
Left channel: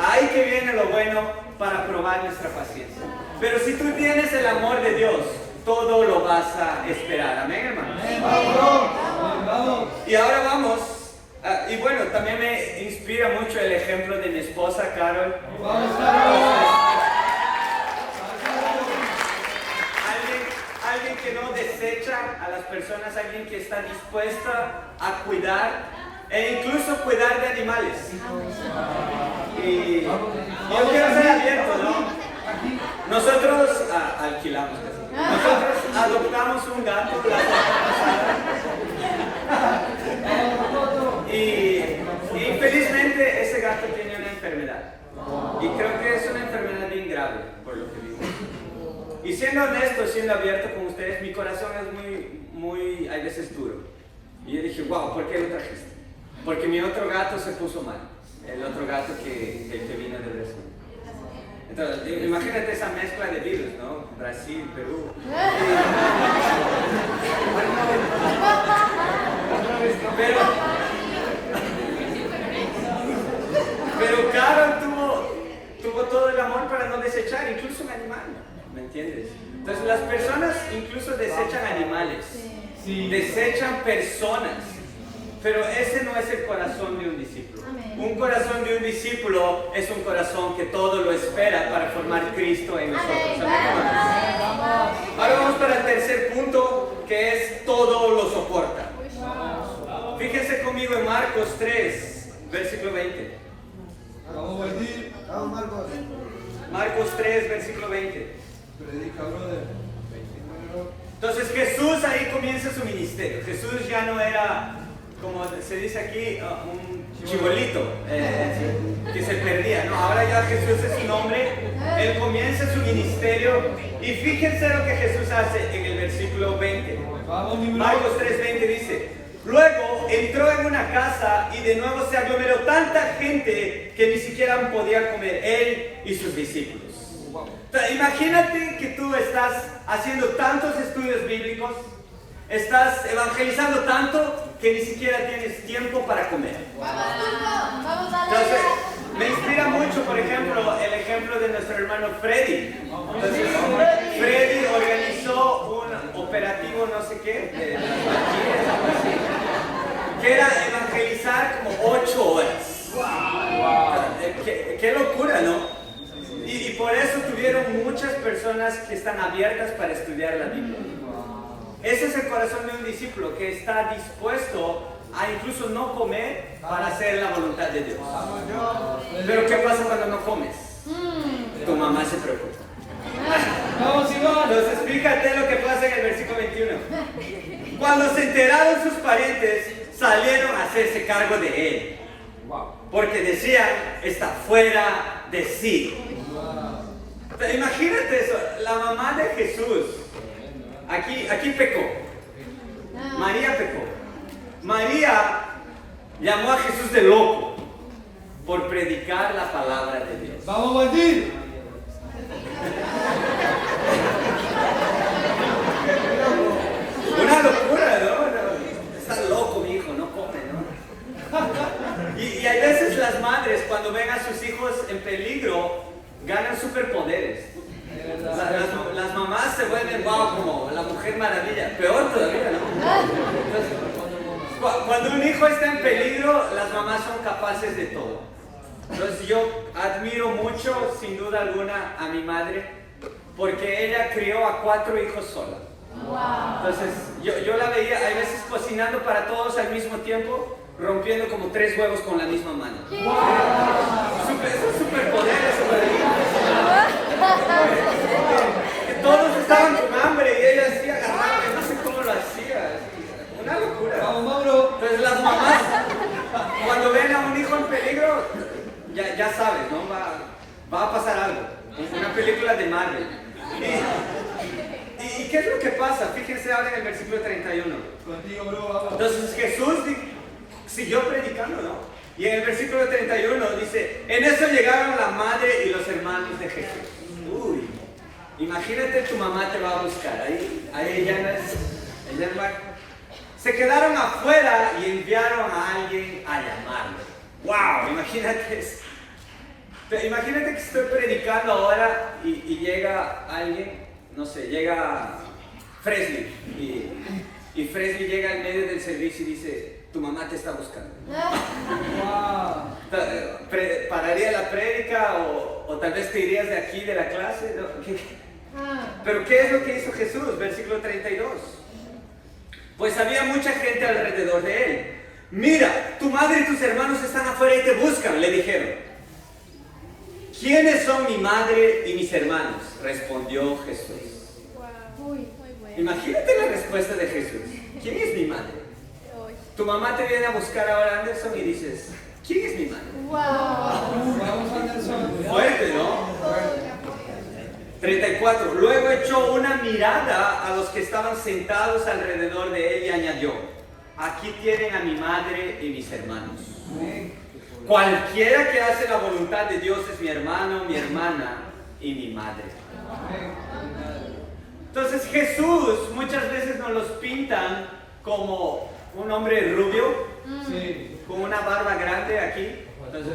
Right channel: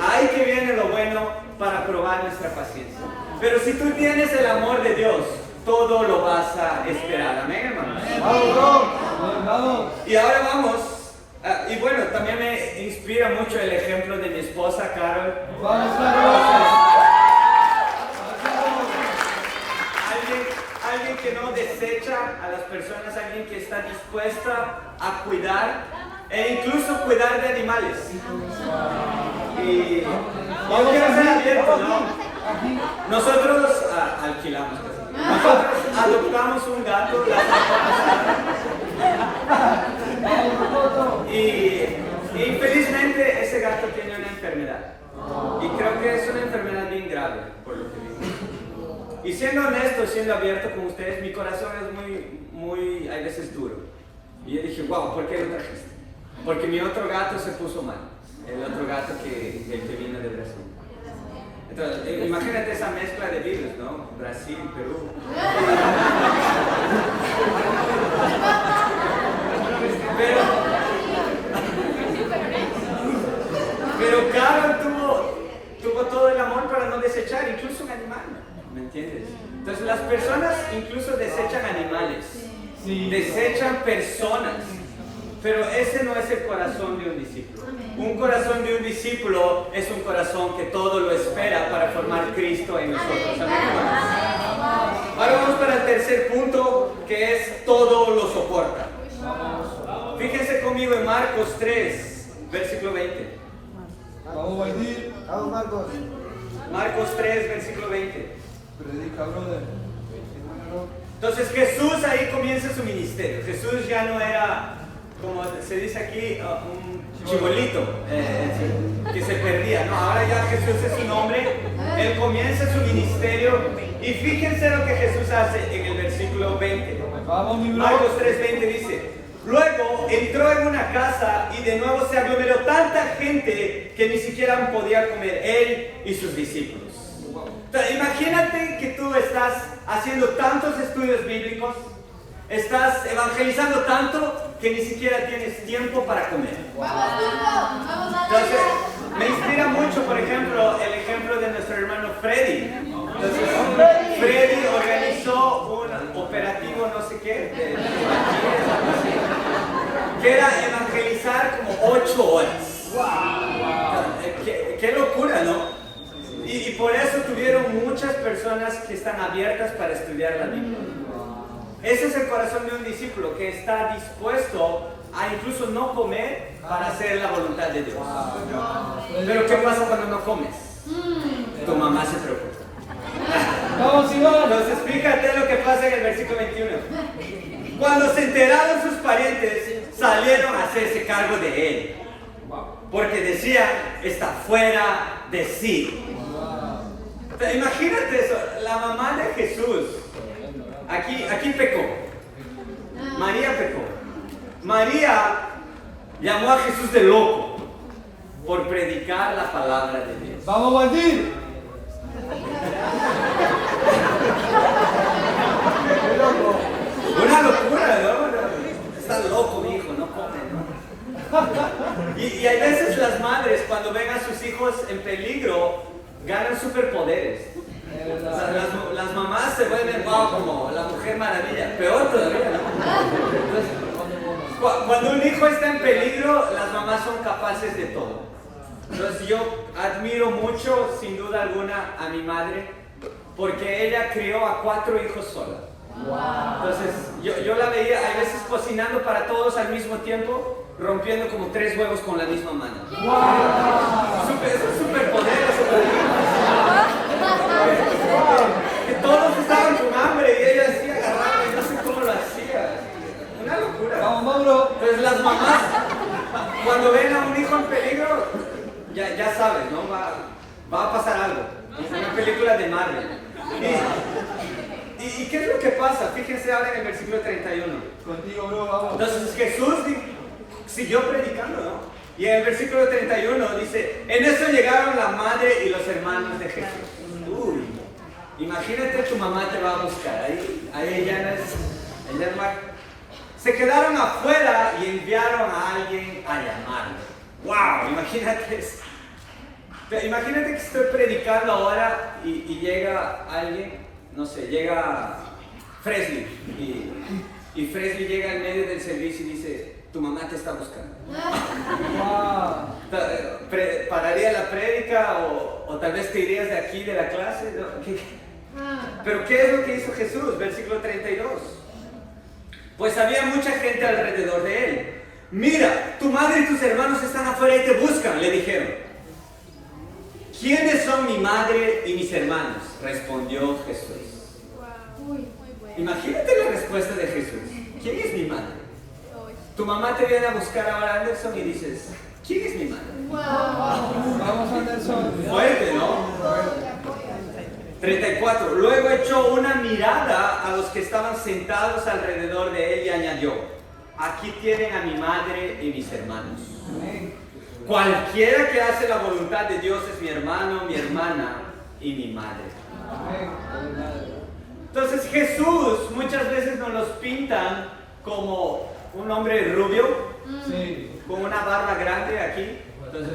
Ahí que viene lo bueno para probar nuestra paciencia. Pero si tú tienes el amor de Dios, todo lo vas a esperar. Amén, hermanos. Y ahora vamos. Y bueno, también me inspira mucho el ejemplo de mi esposa, Carol. Alguien que no desecha a las personas, alguien que está dispuesta a cuidar e incluso cuidar de animales. Y Yo quiero ser abierto, ¿no? Nosotros alquilamos casi. Nosotros adoptamos un gato la semana pasada. Y infelizmente ese gato tiene una enfermedad. Y creo que es una enfermedad bien grave, por lo que digo. Y siendo honesto, siendo abierto con ustedes, mi corazón es muy, hay veces duro. Y yo dije, wow, ¿por qué lo trajiste? Porque mi otro gato se puso mal. El otro gato el que vino de Brasil. Entonces, imagínate esa mezcla de virus, ¿no? Brasil, Perú. Pero Carol tuvo todo el amor para no desechar, incluso un animal, ¿me entiendes? Entonces las personas incluso desechan animales, desechan personas, pero ese no es el corazón de un discípulo. Un corazón de un discípulo es un corazón que todo lo espera para formar Cristo en nosotros. Amén. Ahora vamos para el tercer punto, que es todo lo soporta. Fíjense conmigo en Marcos 3, versículo 20. Vamos, Martín. Vamos, Marcos. Marcos 3, versículo 20. Predica, brother. Entonces Jesús ahí comienza su ministerio. Jesús ya no era, como se dice aquí, un chibolito que se perdía, ¿no? Ahora ya Jesús es un hombre. Él comienza su ministerio. Y fíjense lo que Jesús hace en el versículo 20. Marcos 3, 20 dice: luego entró en una casa y de nuevo se aglomeró tanta gente que ni siquiera podía comer él y sus discípulos. Entonces, imagínate que tú estás haciendo tantos estudios bíblicos, estás evangelizando tanto que ni siquiera tienes tiempo para comer. Entonces, me inspira mucho, por ejemplo, el ejemplo de nuestro hermano Freddy. Entonces, Freddy organizó un operativo no sé qué, de las Valquirias, algo así, que era evangelizar como 8 horas. Qué locura, ¿no? Y por eso tuvieron muchas personas que están abiertas para estudiar la Biblia. Ese es el corazón de un discípulo que está dispuesto a incluso no comer para hacer la voluntad de Dios. Pero ¿qué pasa cuando no comes? Tu mamá se preocupa. Entonces fíjate lo que pasa en el versículo 21. Cuando se enteraron sus parientes, salieron a hacerse cargo de él, porque decían, está fuera de sí. Imagínate eso, la mamá de Jesús, aquí pecó, María pecó. María llamó a Jesús de loco por predicar la palabra de Dios. ¡Vamos, Martín! Una locura, ¿no? Está loco, mi hijo, no come, ¿no? Y hay veces las madres, cuando ven a sus hijos en peligro, ganan superpoderes. Las mamás se vuelven, wow, como la Mujer Maravilla. Peor todavía, ¿no? Entonces, cuando un hijo está en peligro, las mamás son capaces de todo. Entonces yo admiro mucho, sin duda alguna, a mi madre, porque ella crió a 4 hijos sola. Entonces yo la veía, hay veces cocinando para todos al mismo tiempo, rompiendo como 3 huevos con la misma mano. Eso es superpoder, que todos estaban con hambre y ella así agarraba y no sé cómo lo hacía. Una locura. Entonces las mamás, cuando ven a un hijo en peligro, ya sabes, ¿no? Va a pasar algo. Es una película de Marvel. ¿Y qué es lo que pasa? Fíjense ahora en el versículo 31. Contigo, bro, vamos. Entonces Jesús siguió predicando, ¿no? Y en el versículo 31 dice: en eso llegaron la madre y los hermanos de Jesús. Uy, imagínate, tu mamá te va a buscar. Ahí ella no es. Ella no va. Se quedaron afuera y enviaron a alguien a llamarlo. ¡Wow! Imagínate eso. Imagínate que estoy predicando ahora y llega alguien, no sé, llega Fresley y Fresley llega en medio del servicio y dice: tu mamá te está buscando. ¿Pararía la prédica o tal vez te irías de aquí de la clase? ¿No? Pero ¿qué es lo que hizo Jesús? Versículo 32. Pues había mucha gente alrededor de él. Mira, tu madre y tus hermanos están afuera y te buscan, le dijeron. ¿quiénes son mi madre y mis hermanos? Respondió Jesús. Imagínate la respuesta de Jesús. ¿Quién es mi madre? Tu mamá te viene a buscar ahora, Anderson, y dices, ¿quién es mi madre? Vamos, Anderson. Fuerte, ¿no? 34. Luego echó una mirada a los que estaban sentados alrededor de él y añadió, aquí tienen a mi madre y mis hermanos. Cualquiera que hace la voluntad de Dios es mi hermano, mi hermana y mi madre. Entonces Jesús muchas veces nos los pintan como un hombre rubio, Sí. con una barba grande aquí. Entonces,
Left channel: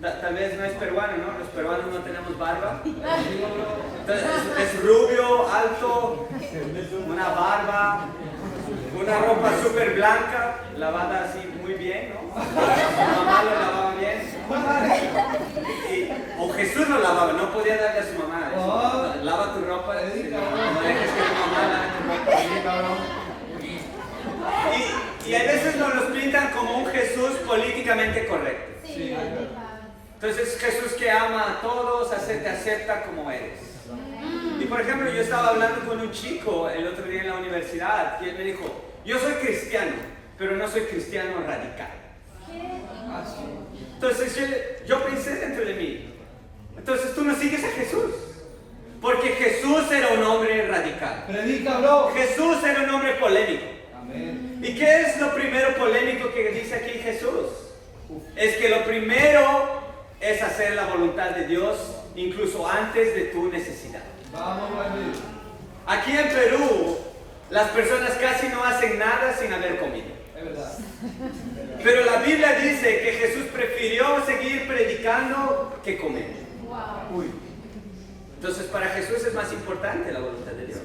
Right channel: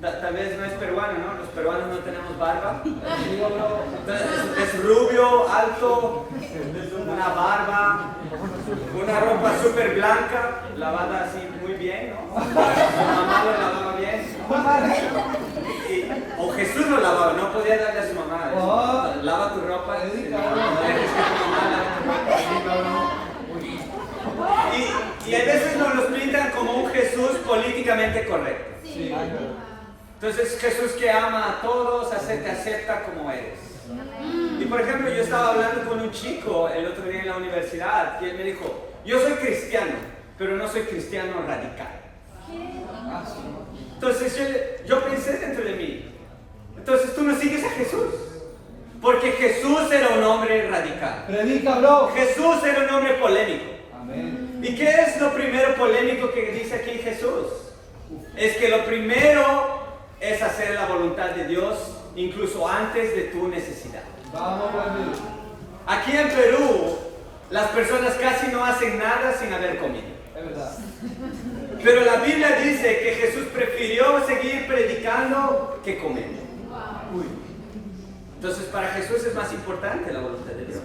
tal vez no es peruano, ¿no? Los peruanos no tenemos barba. Entonces, es rubio, alto, una barba, una ropa súper blanca, lavada así muy bien, ¿no? Su mamá lo lavaba bien. O Jesús lo lavaba, no podía darle a su mamá. Lava tu ropa, no dejes que tu mamá lave tu ropa. Y a veces nos los pintan como un Jesús políticamente correcto. Sí. Entonces Jesús que ama a todos, te acepta como eres. Y por ejemplo, yo estaba hablando con un chico el otro día en la universidad y él me dijo, yo soy cristiano, pero no soy cristiano radical. Entonces yo pensé dentro de mí, entonces tú no sigues a Jesús, porque Jesús era un hombre radical. Predica, bro. Jesús era un hombre polémico. Amén. ¿Y qué es lo primero polémico que dice aquí Jesús? Es que lo primero es hacer la voluntad de Dios incluso antes de tu necesidad. Vamos, Brasil. Aquí en Perú, las personas casi no hacen nada sin haber comido. Es verdad. Pero la Biblia dice que Jesús prefirió seguir predicando que comer. Uy. Entonces para Jesús es más importante la voluntad de Dios.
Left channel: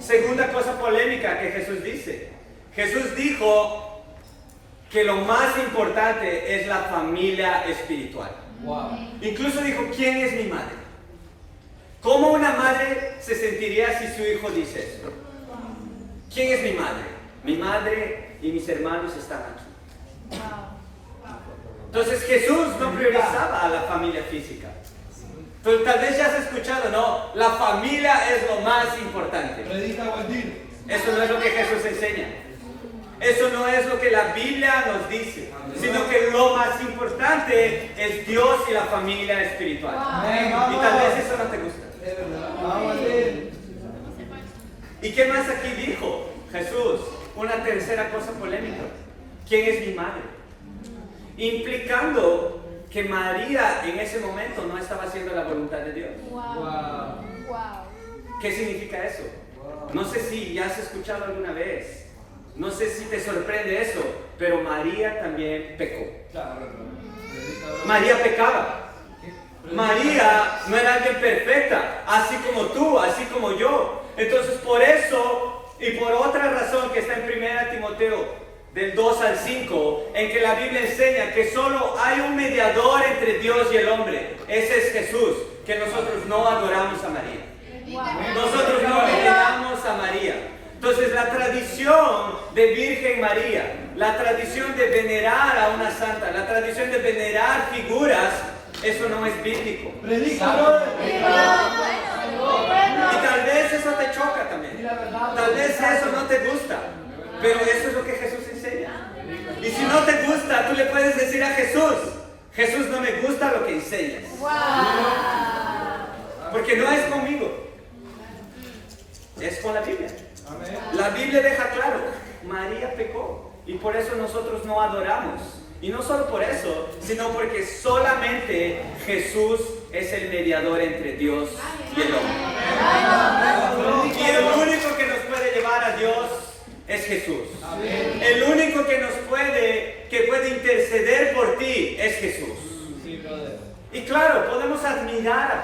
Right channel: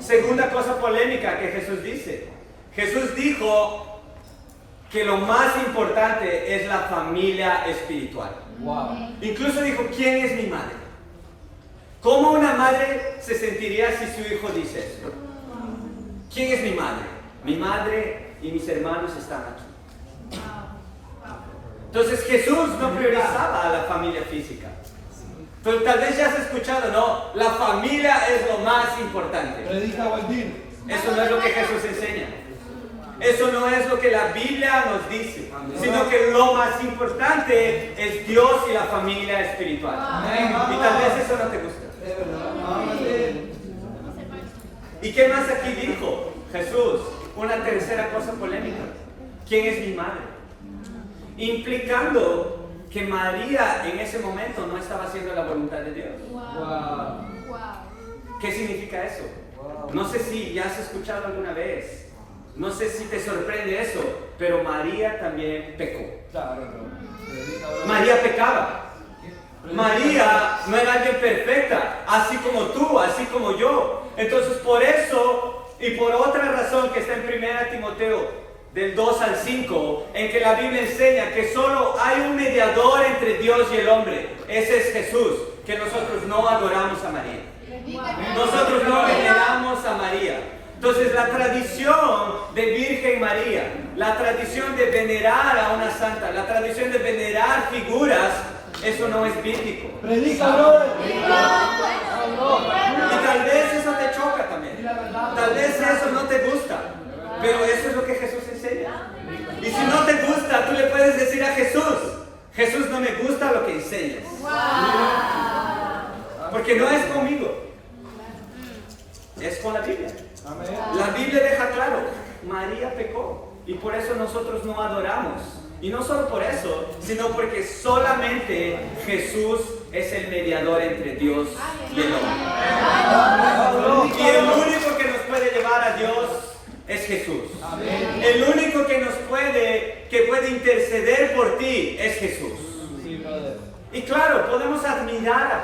Segunda cosa polémica que Jesús dice. Jesús dijo que lo más importante es la familia espiritual. Wow. Incluso dijo, ¿quién es mi madre? ¿Cómo una madre se sentiría si su hijo dice eso? ¿Quién es mi madre? Mi madre y mis hermanos están aquí. Entonces Jesús no priorizaba a la familia física. Entonces, tal vez ya has escuchado, no, la familia es lo más importante. Predica, Waldir. Eso no es lo que Jesús enseña. Eso no es lo que la Biblia nos dice, sino que lo más importante es Dios y la familia espiritual. Y tal vez eso no te gusta. Es verdad. Vamos, Waldir. ¿Y qué más aquí dijo Jesús? Una tercera cosa polémica. ¿Quién es mi madre? Implicando que María en ese momento no estaba haciendo la voluntad de Dios. Wow. ¿Qué significa eso? No sé si ya has escuchado alguna vez. No sé si te sorprende eso, pero María también pecó. Claro, bro. Predica, bro. María pecaba. María no era alguien perfecta, así como tú, así como yo. Entonces por eso y por otra razón que está en 1 Timoteo del 2 al 5, en que la Biblia enseña que solo hay un mediador entre Dios y el hombre. Ese es Jesús, que nosotros no adoramos a María. Nosotros no veneramos a María. Entonces la tradición de Virgen María, la tradición de venerar a una santa, la tradición de venerar figuras, eso no es bíblico. Predica, bro. Y tal vez eso te choca también. Tal vez eso no te gusta. Pero eso es lo que Jesús enseña. Y si no te gusta, tú le puedes decir a Jesús, Jesús, no me gusta lo que enseñas. Porque no es conmigo. Es con la Biblia. Amén. La Biblia deja claro, María pecó y por eso nosotros no adoramos. Y no solo por eso, sino porque solamente Jesús es el mediador entre Dios y el hombre. Y el único que nos puede llevar a Dios es Jesús. Amén. El único que puede interceder por ti es Jesús. Sí, brother. Y claro, podemos admirar a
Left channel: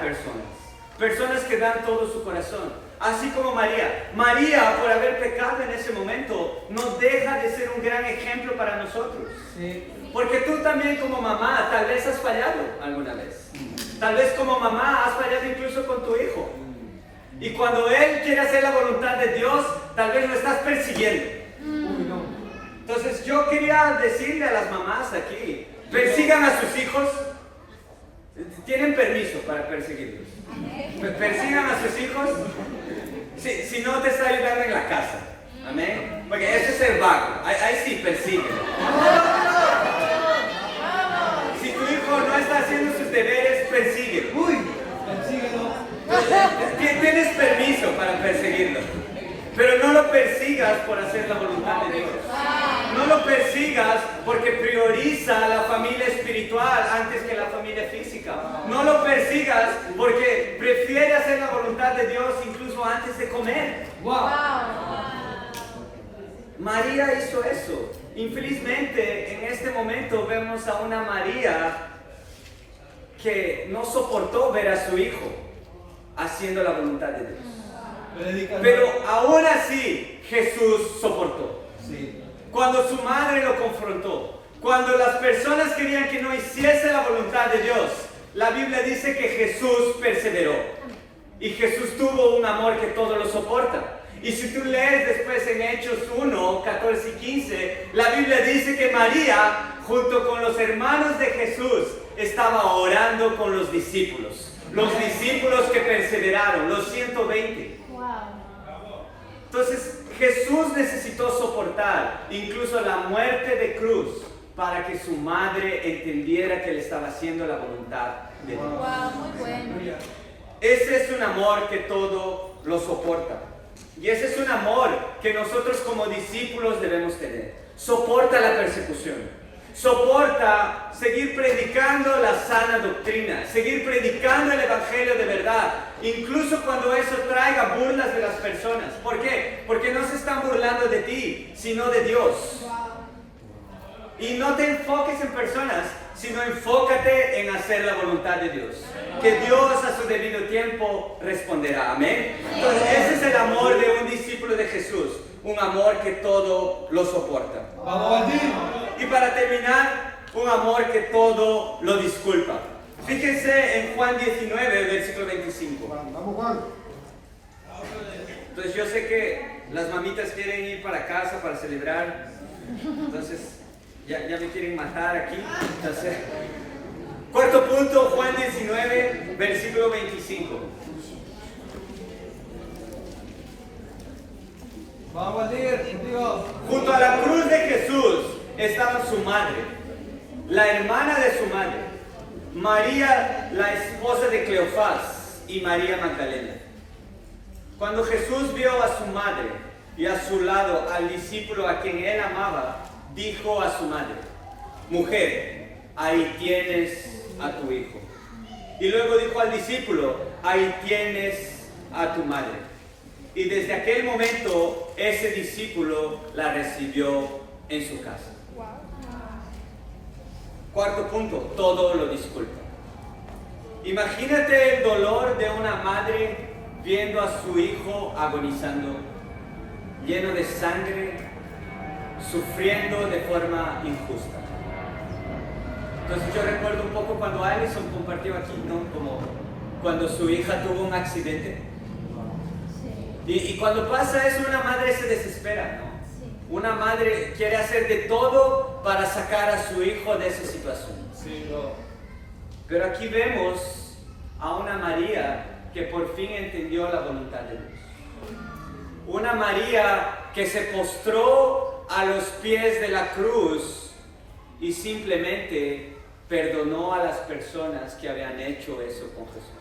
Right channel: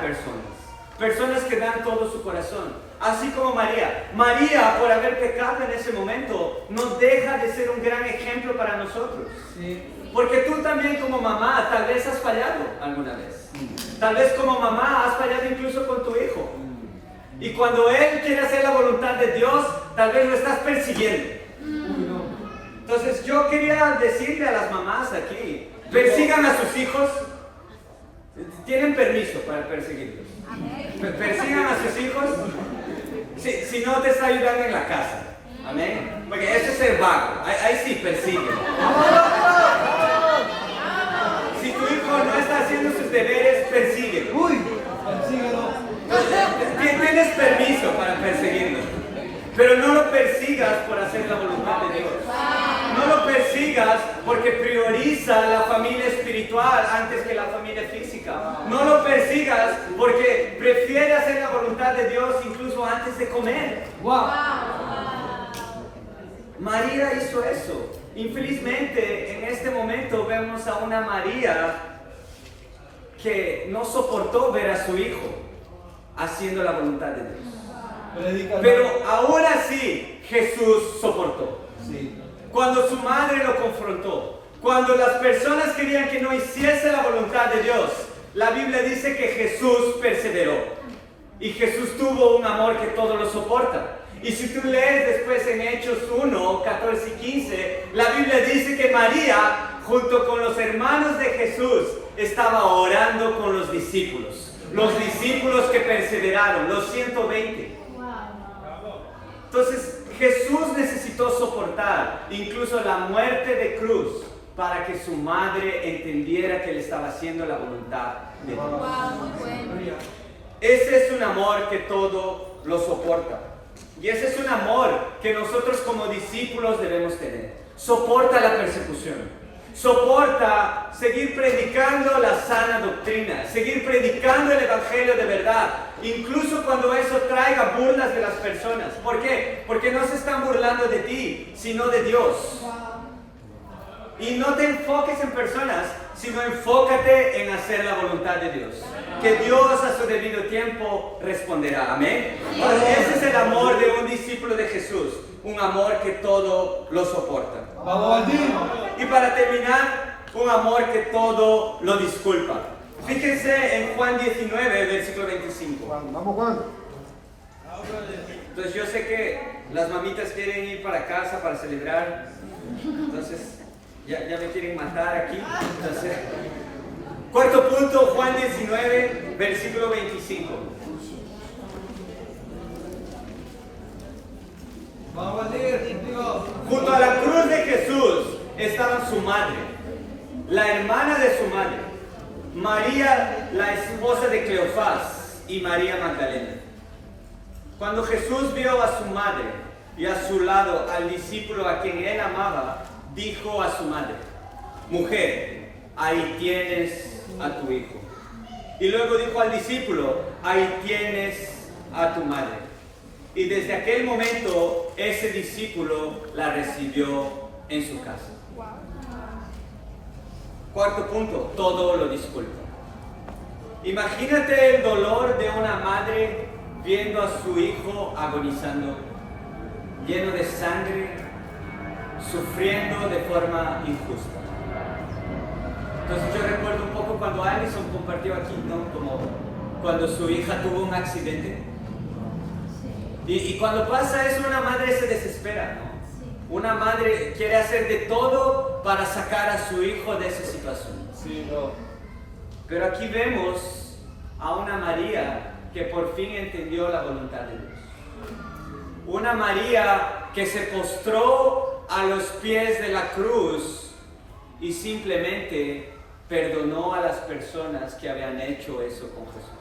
personas que dan todo su corazón. Así como María. María, por haber pecado en ese momento, no deja de ser un gran ejemplo para nosotros. Sí. Porque tú también como mamá, tal vez has fallado alguna vez. Tal vez como mamá has fallado incluso con tu hijo. Y cuando él quiere hacer la voluntad de Dios, tal vez lo estás persiguiendo. Uy, no. Entonces yo quería decirle a las mamás aquí, persigan a sus hijos. Tienen permiso para perseguirlos. Persigan a sus hijos si no te está ayudando en la casa. Amén. Porque ese es el vago. Ahí sí, persíguelo. Si tu hijo no está haciendo sus deberes, persíguelo. Persíguelo. Tienes permiso para perseguirlo. Pero no lo persigas por hacer la voluntad de Dios. No lo persigas porque prioriza la familia espiritual antes que la familia física. No lo persigas porque prefiere hacer la voluntad de Dios incluso antes de comer. Wow. María hizo eso. Infelizmente, en este momento vemos a una María que no soportó ver a su hijo haciendo la voluntad de Dios. Pero aún así, Jesús soportó. Sí. Cuando su madre lo confrontó, cuando las personas querían que no hiciese la voluntad de Dios, la Biblia dice que Jesús perseveró. Y Jesús tuvo un amor que todo lo soporta. Y si tú lees después en Hechos 1, 14 y 15, la Biblia dice que María, junto con los hermanos de Jesús, estaba orando con los discípulos. Los discípulos que perseveraron, los 120. Entonces, Jesús necesitó soportar incluso la muerte de cruz para que su madre entendiera que él estaba haciendo la voluntad de Dios. Ese es un amor que todo lo soporta. Y ese es un amor que nosotros como discípulos debemos tener. Soporta la persecución. Soporta seguir predicando la sana doctrina, seguir predicando el evangelio de verdad, incluso cuando eso traiga burlas de las personas. ¿Por qué? Porque no se están burlando de ti, sino de Dios. Y no te enfoques en personas, sino enfócate en hacer la voluntad de Dios. Que Dios a su debido tiempo responderá. Amén. Entonces, ese es el amor de un discípulo de Jesús. Un amor que todo lo soporta. Y para terminar, un amor que todo lo disculpa. Fíjense en Juan 19, versículo 25. Entonces yo sé que las mamitas quieren ir para casa para celebrar. Entonces ya me quieren matar aquí. Entonces, cuarto punto, Juan 19, versículo 25. Vamos a leer contigo. Junto a la cruz de Jesús estaban su madre, la hermana de su madre, María, la esposa de Cleofás, y María Magdalena. Cuando Jesús vio a su madre y a su lado al discípulo a quien él amaba, dijo a su madre: mujer, ahí tienes a tu hijo. Y luego dijo al discípulo: ahí tienes a tu madre. Y desde aquel momento, ese discípulo la recibió en su casa. Cuarto punto, todo lo disculpa. Imagínate el dolor de una madre viendo a su hijo agonizando, lleno de sangre, sufriendo de forma injusta. Entonces yo recuerdo un poco cuando Alison compartió aquí, ¿no? Como cuando su hija tuvo un accidente. Y cuando pasa eso, una madre se desespera, ¿no? Una madre quiere hacer de todo para sacar a su hijo de esa situación. Sí, no. Pero aquí vemos a una María que por fin entendió la voluntad de Dios. Una María que se postró a los pies de la cruz y simplemente perdonó a las personas que habían hecho eso con Jesús.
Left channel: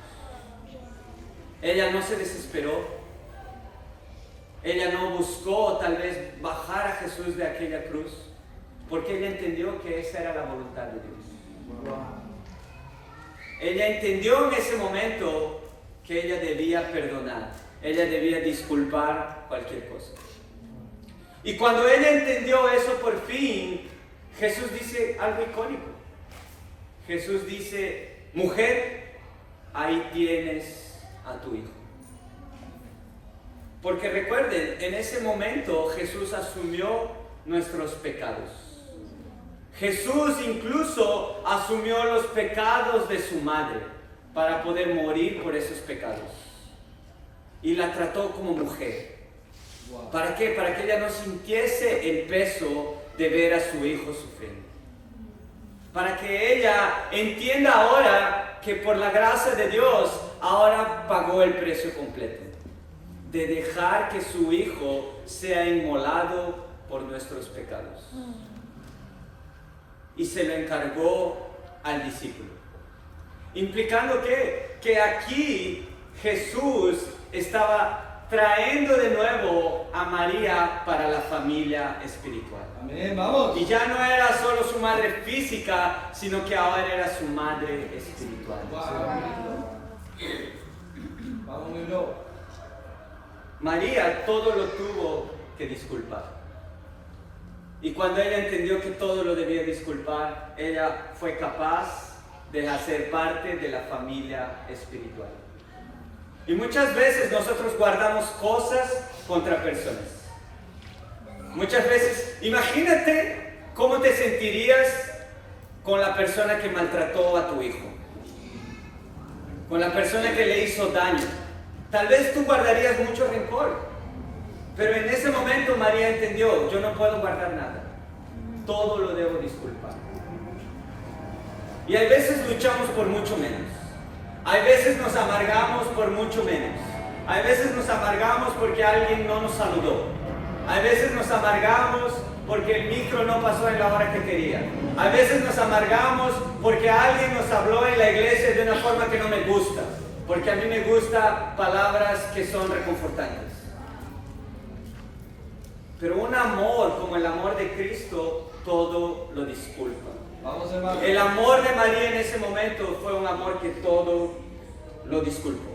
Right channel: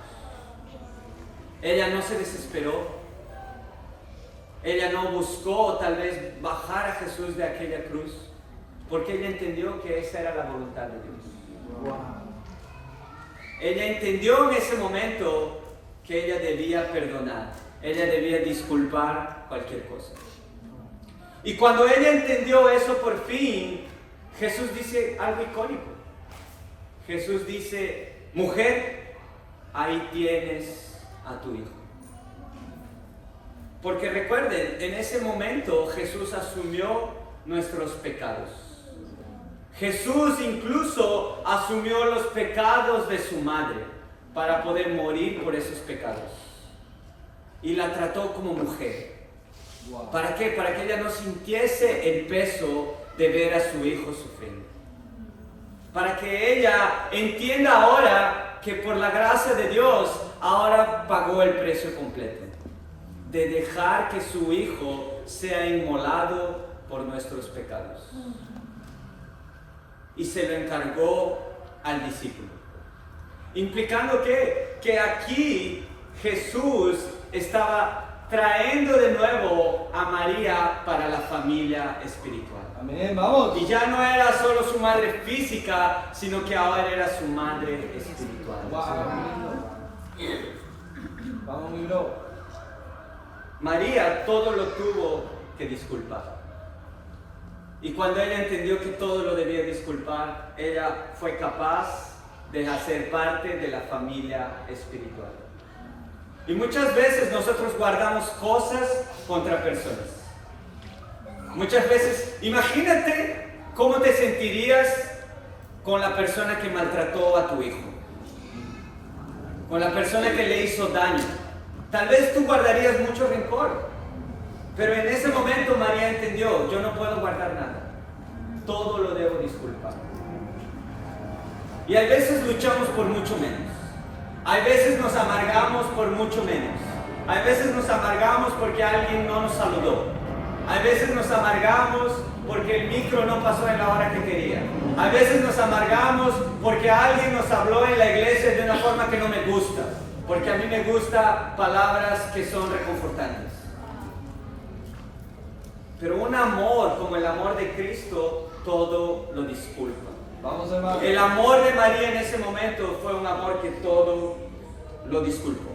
Ella no se desesperó. Ella no buscó tal vez bajar a Jesús de aquella cruz, porque ella entendió que esa era la voluntad de Dios. Ella entendió en ese momento que ella debía perdonar, ella debía disculpar cualquier cosa. Y cuando ella entendió eso por fin, Jesús dice algo icónico. Jesús dice: mujer, ahí tienes a tu hijo. Porque recuerden, en ese momento Jesús asumió nuestros pecados. Jesús incluso asumió los pecados de su madre para poder morir por esos pecados. Y la trató como mujer. ¿Para qué? Para que ella no sintiese el peso de ver a su hijo sufriendo. Para que ella entienda ahora que por la gracia de Dios ahora pagó el precio completo de dejar que su Hijo sea inmolado por nuestros pecados. Y se lo encargó al discípulo. Implicando que aquí Jesús estaba trayendo de nuevo a María para la familia espiritual. Amén, vamos. Y ya no era solo su madre física, sino que ahora era su madre espiritual. Vamos, mi bro. María todo lo tuvo que disculpar. Y cuando ella entendió que todo lo debía disculpar, ella fue capaz de hacer parte de la familia espiritual. Y muchas veces nosotros guardamos cosas contra personas. Muchas veces, imagínate cómo te sentirías con la persona que maltrató a tu hijo, con la persona que le hizo daño. Tal vez tú guardarías mucho rencor, pero en ese momento María entendió, yo no puedo guardar nada, todo lo debo disculpar. Y hay veces luchamos por mucho menos, hay veces nos amargamos por mucho menos, hay veces nos amargamos porque alguien no nos saludó, hay veces nos amargamos porque el micro no pasó en la hora que quería, hay veces nos amargamos porque alguien nos habló en la iglesia de una forma que no me gusta, porque a mí me gustan palabras que son reconfortantes. Pero un amor como el amor de Cristo todo lo disculpa. Vamos, hermano. El amor de María en ese momento fue un amor que todo lo disculpó.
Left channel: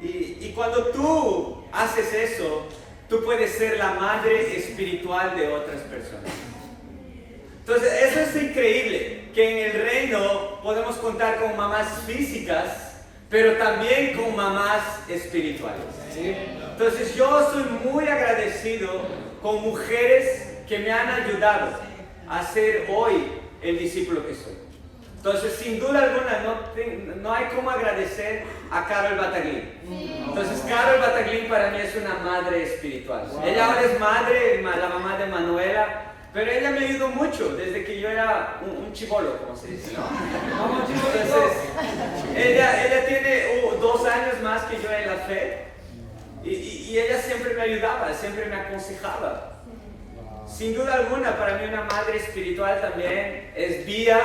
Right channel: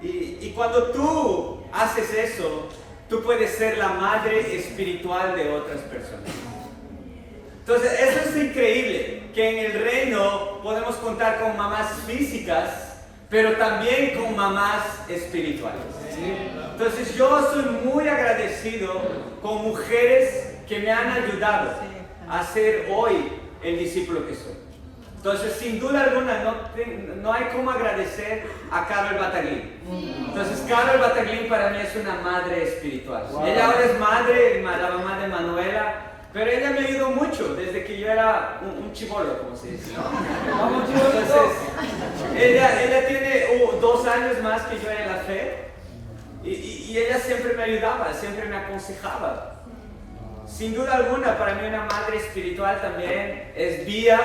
Y cuando tú haces eso, tú puedes ser la madre espiritual de otras personas. Entonces, eso es increíble, que en el reino podemos contar con mamás físicas, pero también con mamás espirituales. Entonces, yo estoy muy agradecido con mujeres que me han ayudado a ser hoy el discípulo que soy. Entonces, sin duda alguna, no hay cómo agradecer a Carol Bataglín. Entonces, Carol Bataglín para mí es una madre espiritual. Ella ahora es madre, la mamá de Manuela, pero ella me ayudó mucho desde que yo era un chibolo, como se dice, ¿no? Vamos, chicos. Entonces, ella tiene 2 años más que yo en la fe y ella siempre me ayudaba, siempre me aconsejaba. Sin duda alguna, para mí una madre espiritual también es Bia,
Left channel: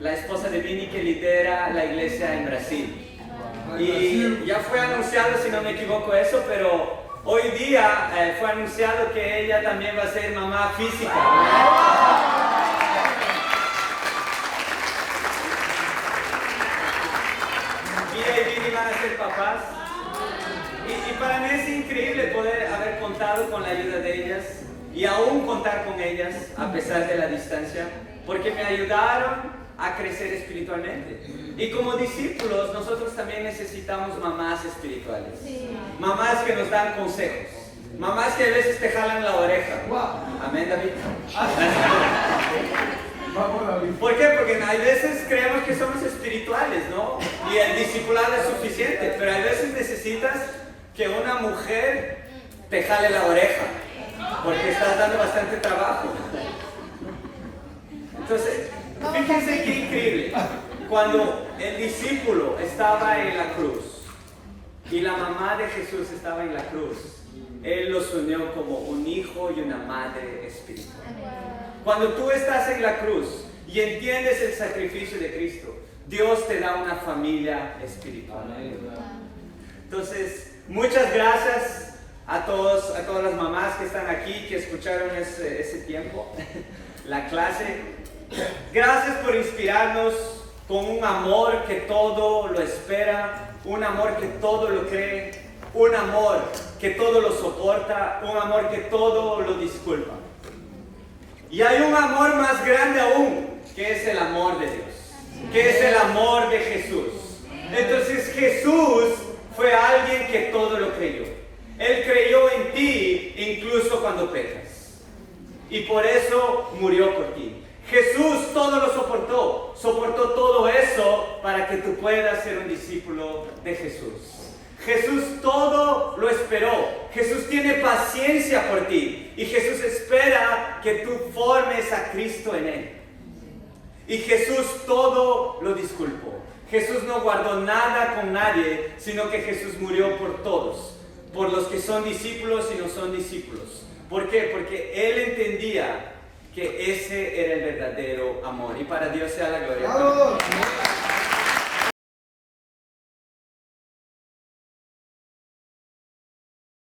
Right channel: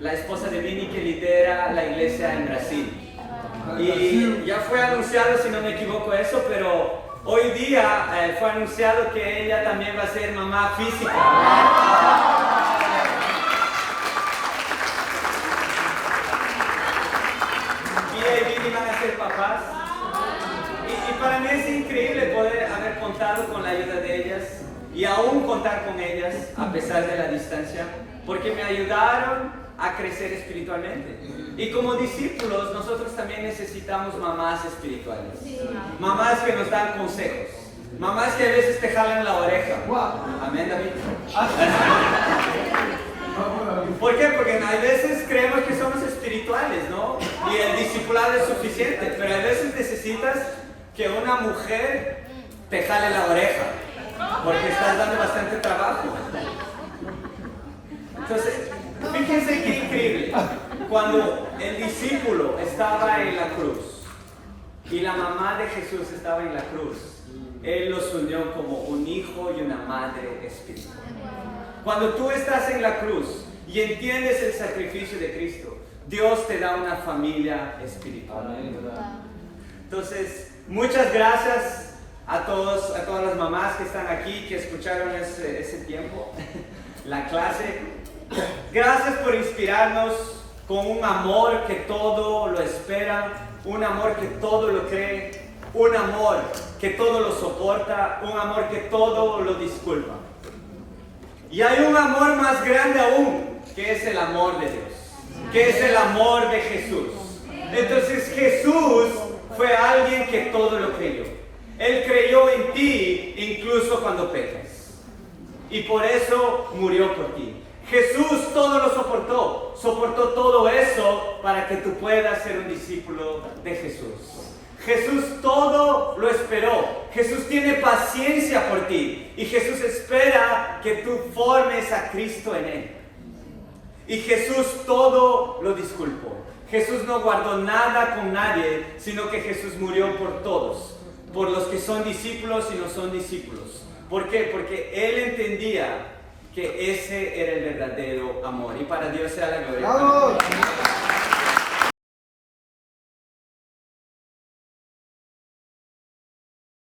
la esposa de Vini, que lidera la iglesia en Brasil. Y ya fue anunciado, si no me equivoco, eso, pero hoy día fue anunciado que ella también va a ser mamá física. Bia y Vini van a ser papás. Y para mí es increíble poder haber contado con la ayuda de ellas y aún contar con ellas a pesar de la distancia, porque me ayudaron a crecer espiritualmente. Y como discípulos, nosotros también necesitamos mamás espirituales. Mamás que nos dan consejos. Mamás que a veces te jalan la oreja. Amén, David. ¿Por qué? Porque hay veces creemos que somos espirituales, ¿no? Y el discipulado es suficiente, pero hay veces necesitas que una mujer te jale la oreja, porque estás dando bastante trabajo. Entonces, fíjense qué increíble. Cuando el discípulo estaba en la cruz y la mamá de Jesús estaba en la cruz, Él los unió como un hijo y una madre espiritual. Cuando tú estás en la cruz y entiendes el sacrificio de Cristo, Dios te da una familia espiritual. Entonces, muchas gracias a todas las mamás que están aquí, que escucharon ese tiempo, la clase. Gracias por inspirarnos con un amor que todo lo espera, un amor que todo lo cree, un amor que todo lo soporta, un amor que todo lo disculpa. Y hay un amor más grande aún, que es el amor de Dios, que es el amor de Jesús. Entonces Jesús fue alguien que todo lo creyó. Él creyó en ti incluso cuando pecas. Y por eso murió por ti. Jesús todo lo soportó todo eso para que tú puedas ser un discípulo de Jesús. Jesús todo lo esperó. Jesús tiene paciencia por ti y Jesús espera que tú formes a Cristo en Él. Y Jesús todo lo disculpó. Jesús no guardó nada con nadie, sino que Jesús murió por todos, por los que son discípulos y no son discípulos. ¿Por qué? Porque Él entendía que ese era el verdadero amor. Y para Dios sea la gloria. ¡Vamos!